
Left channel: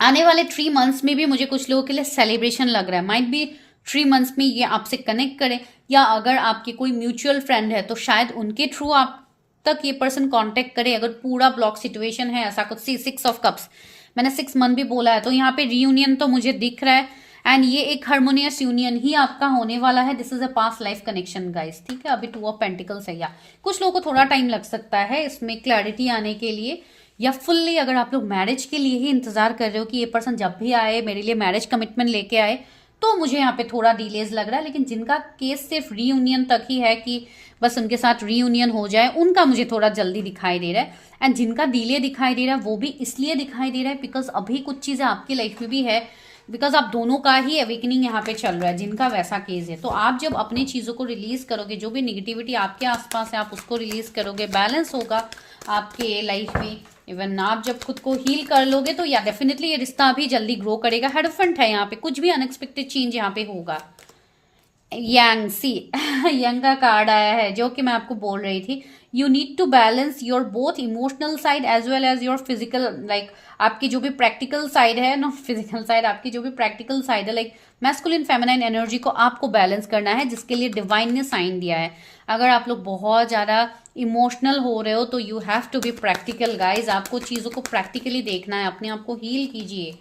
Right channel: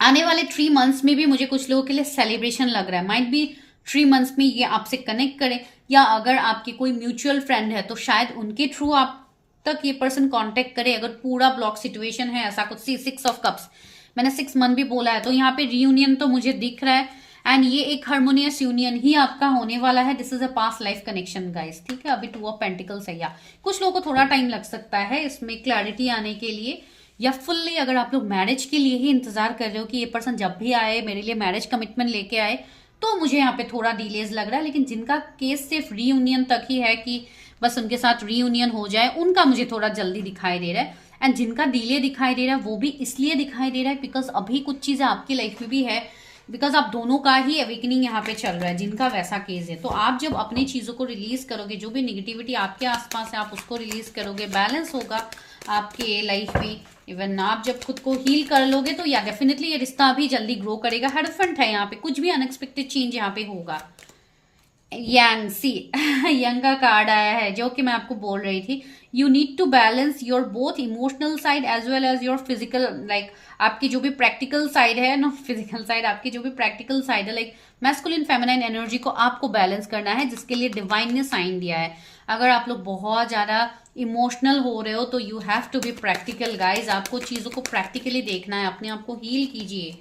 आने वाले 3 मंथ्स में भी। मुझे कुछ लोगों के लिए सेलिब्रेशन लग रहा है, माइट बी 3 मंथ्स में ये आपसे कनेक्ट करें, या अगर आपके कोई म्यूचुअल फ्रेंड है तो शायद उनके थ्रू आप तक ये पर्सन कांटेक्ट करे, अगर पूरा ब्लॉक सिचुएशन है ऐसा कुछ। सी 6 ऑफ कप्स, मैंने 6 मंथ भी बोला है, तो यहाँ पे रीयूनियन तो मुझे दिख रहा है, एंड ये एक हार्मोनियस यूनियन ही आपका होने वाला है। This is a past life connection guys, ठीक है। अभी 2 ऑफ पेंटिकल्स है, या कुछ लोगों को थोड़ा टाइम लग सकता है इसमें क्लैरिटी आने के लिए, या फुल्ली अगर आप लोग मैरिज के लिए ही इंतजार कर रहे हो कि ये पर्सन जब भी आए मेरे लिए मैरिज कमिटमेंट लेके आए, तो मुझे यहाँ पे थोड़ा डिलेज लग रहा है। लेकिन जिनका केस सिर्फ रीयूनियन तक ही है कि बस उनके साथ रीयूनियन हो जाए, उनका मुझे थोड़ा जल्दी दिखाई दे रहा है। एंड जिनका डिले दिखाई दे रहा है वो भी इसलिए दिखाई दे रहा है बिकॉज अभी कुछ चीजें आपकी लाइफ में भी है, बिकॉज आप दोनों का ही अवेकनिंग यहाँ पे चल रहा है जिनका वैसा केस है। तो आप जब अपनी चीजों को रिलीज करोगे, जो भी निगेटिविटी आपके आसपास है आप उसको रिलीज करोगे, बैलेंस होगा आपके लाइफ में। इवन आप जब खुद को हील कर लोगे तो या डेफिनेटली ये रिश्ता अभी जल्दी ग्रो करेगा। हेडफेंट है यहाँ पे, कुछ भी अनएक्सपेक्टेड चेंज यहाँ पे होगा। यंग सी यंग का कार्ड आया है, जो कि मैं आपको बोल रही थी, you need to balance your both emotional side as well as your physical, like आपकी जो भी प्रैक्टिकल साइड है ना, फिजिकल साइड, आपकी जो भी प्रैक्टिकल साइड है, लाइक मैस्कुलिन फेमिनाइन एनर्जी को आपको बैलेंस करना है, जिसके लिए डिवाइन ने साइन दिया है। अगर आप लोग बहुत ज्यादा इमोशनल हो रहे हो तो you have to be practical guys. आपको चीजों को प्रैक्टिकली देखना है, अपने आप को हील कीजिए।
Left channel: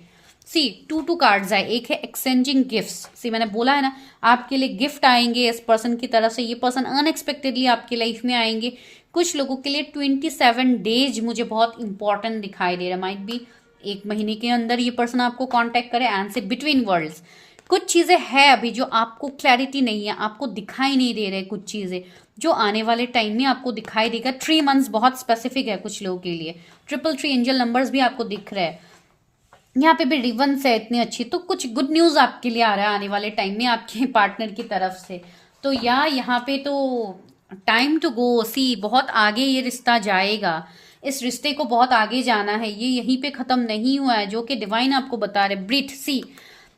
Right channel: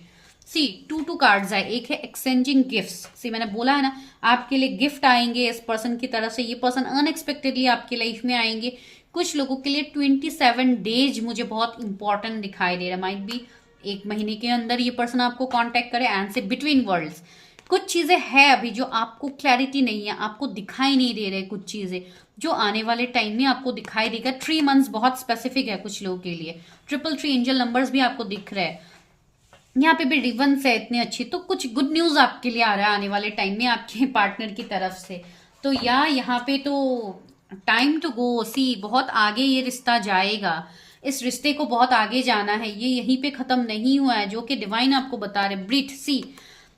सी टू कार्ड्स आए, एक है एक्सचेंजिंग गिफ्ट्स। सी मैंने बोला है ना, आपके लिए गिफ्ट आएंगे इस पर्सन की तरफ से, ये पर्सन अनएक्सपेक्टेडली आपकी लाइफ में आएंगे। कुछ लोगों के लिए 27 डेज मुझे बहुत इंपॉर्टेंट दिखाई दे रहा है। माइट बी 1 महीने के अंदर ये पर्सन आपको कांटेक्ट करे एंड से बिटवीन वर्ल्ड्स। कुछ चीजें हैं अभी जो आपको क्लैरिटी नहीं है, आपको दिखाई नहीं दे रहे कुछ चीजें, जो आने वाले टाइम में आपको दिखाई देगा। 3 मंथ्स बहुत स्पेसिफिक है कुछ लोगों के लिए। 333 एंजल नंबर्स भी आपको दिख रहे हैं यहाँ पे भी, रिवंस है इतनी अच्छी। तो कुछ गुड न्यूज आपके लिए आ रहा है आने वाले टाइम में आपके पार्टनर की तरफ से। तो या यहाँ पे तो टाइम टू गो, सी बहुत आगे ये रिश्ता जाएगा। इस रिश्ते को बहुत आगे जाना है, ये यहीं पे खत्म नहीं हुआ है, जो कि डिवाइन आपको बता रहे। ब्रीथ, सी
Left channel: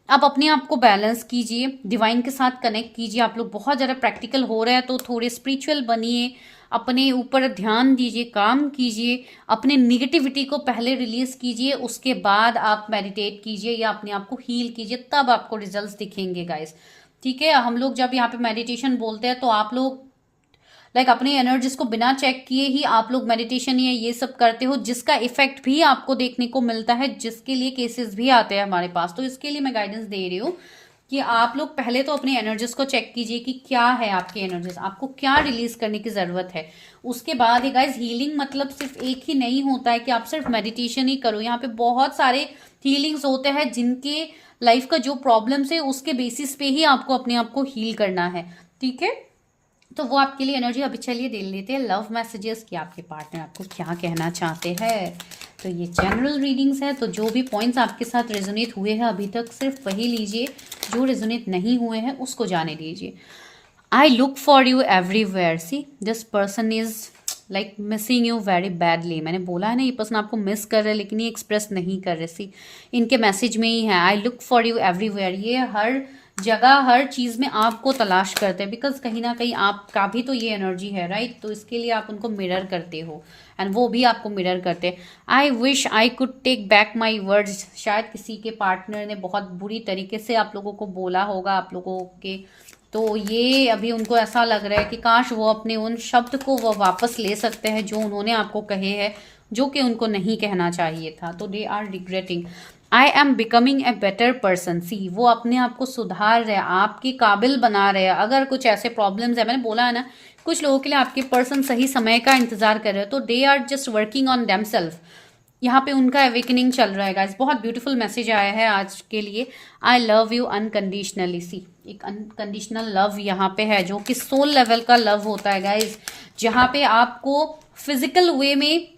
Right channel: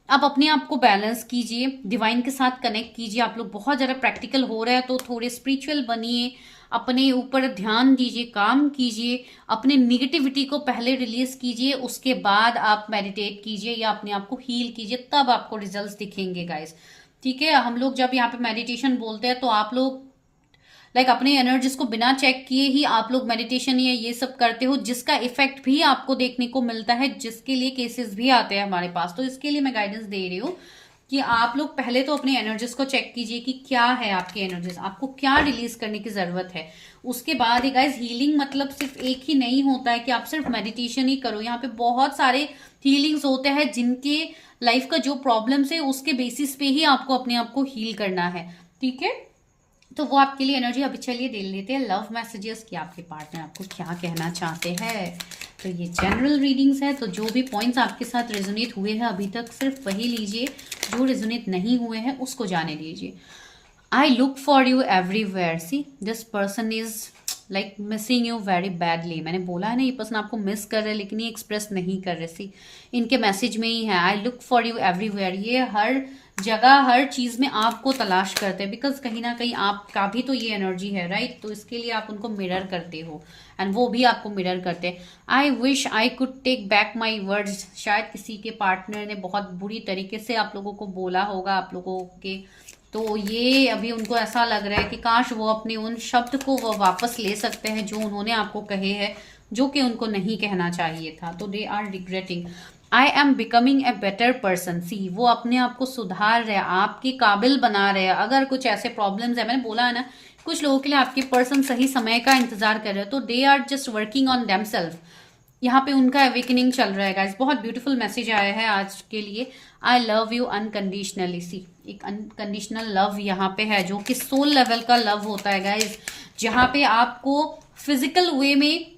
आप अपने आप को बैलेंस कीजिए, डिवाइन के साथ कनेक्ट कीजिए। आप लोग बहुत ज़्यादा प्रैक्टिकल हो रहे हैं तो थोड़े स्पिरिचुअल बनिए, अपने ऊपर ध्यान दीजिए, काम कीजिए, अपने निगेटिविटी को पहले रिलीज कीजिए, उसके बाद आप मेडिटेट कीजिए या अपने आप को हील कीजिए, तब आपको रिजल्ट्स दिखेंगे गाइस। ठीक है, हम लोग जब यहाँ पे मेडिटेशन बोलते हैं तो आप लोग लाइक अपने एनर्जीज को बिना चेक किए ही आप लोग मेडिटेशन या ये सब करते हो, जिसका इफेक्ट भी आपको देखने को मिलता है, जिसके लिए केसेस भी आते हैं हमारे पास। तो इसके लिए मैं गाइडेंस दे रही हूँ कि आप लोग पहले तो अपने एनर्जीज को चेक कीजिए कि क्या है आपकी एनर्जीज, आपको क्या रिलीज करने की जरूरत है। उसके बाद ही गाइज हीलिंग मतलब सिर्फ एक ही नहीं होता है कि आप सिर्फ मेडिटेशन ही करो। यहाँ पे बहुत सारे हीलिंग्स होते हैं जिनके लाइफ का जो प्रॉब्लम्स है उसके बेसिस पे ही आपको अपने आप को हील करना है। ठीक है, तो वो आपके लिए एनर्जी। अभी चलिए देख लेते हैं लव मैसेजेस कि आपके पार्टनर आपको क्या कहना चाहते हैं। तो ये जनरल रीडिंग्स है, तो जो भी पॉइंट्स आपके साथ रेजोनेट हुए हैं अभी तक सिर्फ वही लीजिए, जो रेजोनेट नहीं हुए हैं उसको जाने दीजिए। I look for you everywhere, see this person is like missing you very badly. मैंने बोला है ना, ये पर्सन आपको मिस कर रहे हैं लेकिन ये एक्सप्रेस नहीं कर रहे। सी इनके मैसेज में ही है, I look for you everywhere. ये हर जगह हर चीज में आपको तलाश करते हैं, बिकॉज कहीं ना कहीं आपका भी तो ये एनर्जी है, राइट। तो इसके लिए आप उनको मिरर करते हो एंड वो भी आपको मिरर करते हैं। I wish I could take back my words. शायद किसी के पार्टनर ने बहुत बुरी तरीके से आप लोगों को बोला होगा, आप लोगों के, तो ये अभी उनको ऐसा लग रहा है कि काश वो अपने उन शब्द को वो वापस ले सकते हैं जो उन्होंने आपको कहे हैं, जो कि उनको नहीं कहना चाहिए था। तो they are regretting. I am becoming a better person, see वो अपने आप को सुधार रहे, आपके काबिल बना रहे हैं। अगर कुछ ऐसे प्रॉब्लम्स है, मैंने बोला है ना, कुछ लोगों के लिए आपके पर्सन सही समय का इंतजार कर रहे हैं, तो they are just working on themselves. यहाँ पे उनका अवेकनिंग चल रहा है गाइस। बहुत ब्यूटीफुल मैसेज आया है आज के लिए। आई लव यू अनकंडीशनली, सी एक अनकंडीशनल लव यहाँ पे है, जो कि सोल लेवल का लव होता है गाइस, जहाँ पे आपको फिजिकल वे में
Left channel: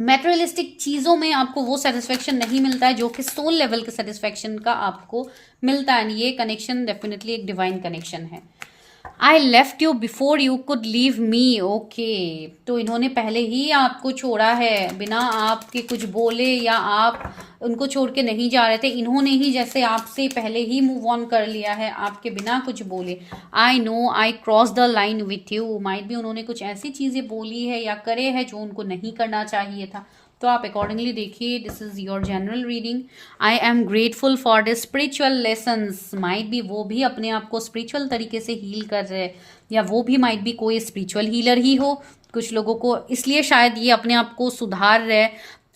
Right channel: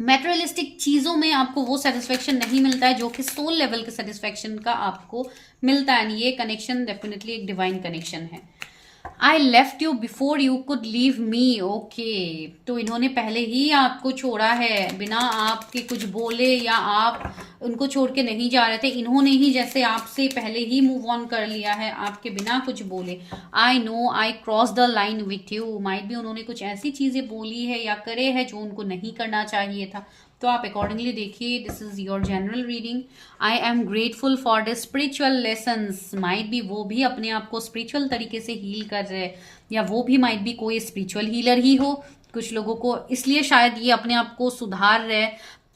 मेटेरियलिस्टिक चीजों में आपको वो सेटिस्फेक्शन नहीं मिलता है जो कि सोल लेवल के सेटिस्फेक्शन का आपको मिलता है। ये कनेक्शन डेफिनेटली एक डिवाइन कनेक्शन है। I left you before you could leave me, okay. तो इन्होंने पहले ही आपको छोड़ा है, बिना आपके कुछ बोले या आप उनको छोड़ के नहीं जा रहे थे, इन्होंने ही जैसे आपसे पहले ही मूव ऑन कर लिया है आपके बिना कुछ बोले। I know I cross the line with you, might भी उन्होंने कुछ ऐसी चीजें बोली है या करे है जो उनको नहीं करना चाहिए था। तो आप अकॉर्डिंगली देखिए। This is your general reading. I am grateful for the spiritual lessons, might भी वो भी अपने आप को स्पिरिचुअल तरीके से हील कर रहे हैं, या वो भी माइट भी कोई स्पिरिचुअल हीलर ही हो कुछ लोगों को, इसलिए शायद ये अपने आप को सुधार रहे,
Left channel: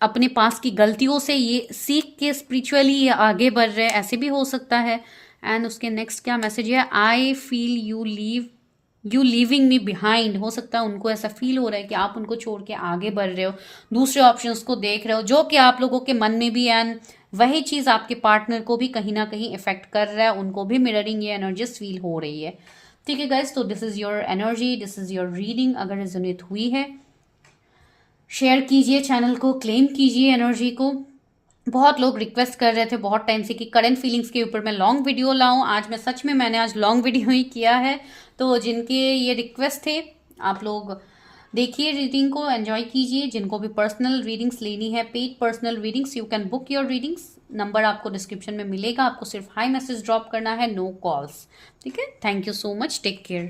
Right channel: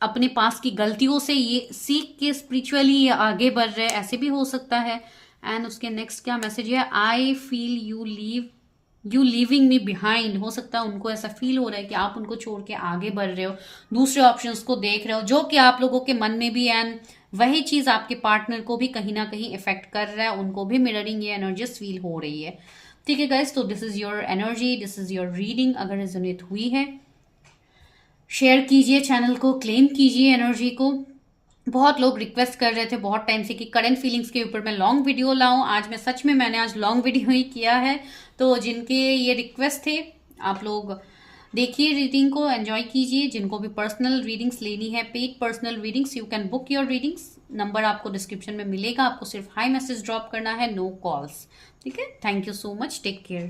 अपने पास की गलतियों से ये सीख के स्पिरिचुअली आगे बढ़ रहे, ऐसे भी हो सकता है। एंड उसके नेक्स्ट क्या मैसेज है, I feel you leaving me behind. हो सकता है उनको ऐसा फील हो रहा है कि आप उनको छोड़ के आगे बढ़ रहे हो, दूसरे ऑप्शंस को देख रहे हो, जो कि आप लोगों के मन में भी एंड वही चीज़ आपके पार्टनर को भी कहीं ना कहीं इफेक्ट कर रहा है, उनको भी मिररिंग ये एनर्जीज फील हो रही है। ठीक है गाइस, तो this is your energy, this is your reading. अगर रेजोनेट हुई है शेयर कीजिए, चैनल को क्लेम कीजिए एनर्जी को। बहुत लोग रिक्वेस्ट कर रहे थे बहुत टाइम से कि करंट फीलिंग्स के ऊपर मैं लॉन्ग वीडियो लाऊं। आज मैं सच में मैंने आज लॉन्ग वीडियो ही किया है। तो जिनके ये रिक्वेस्ट थे आप लोग देखिए रीडिंग को, एंजॉय कीजिए। जिनको भी पर्सनल रीडिंग्स लेनी है, paid personal readings, you can book your readings. Number आपको डिस्क्रिप्शन में मिलेगा, आपको सिर्फ हाई मैसेज ड्रॉप करना है, नो कॉल्स। ठीक है, thank you so much, take care.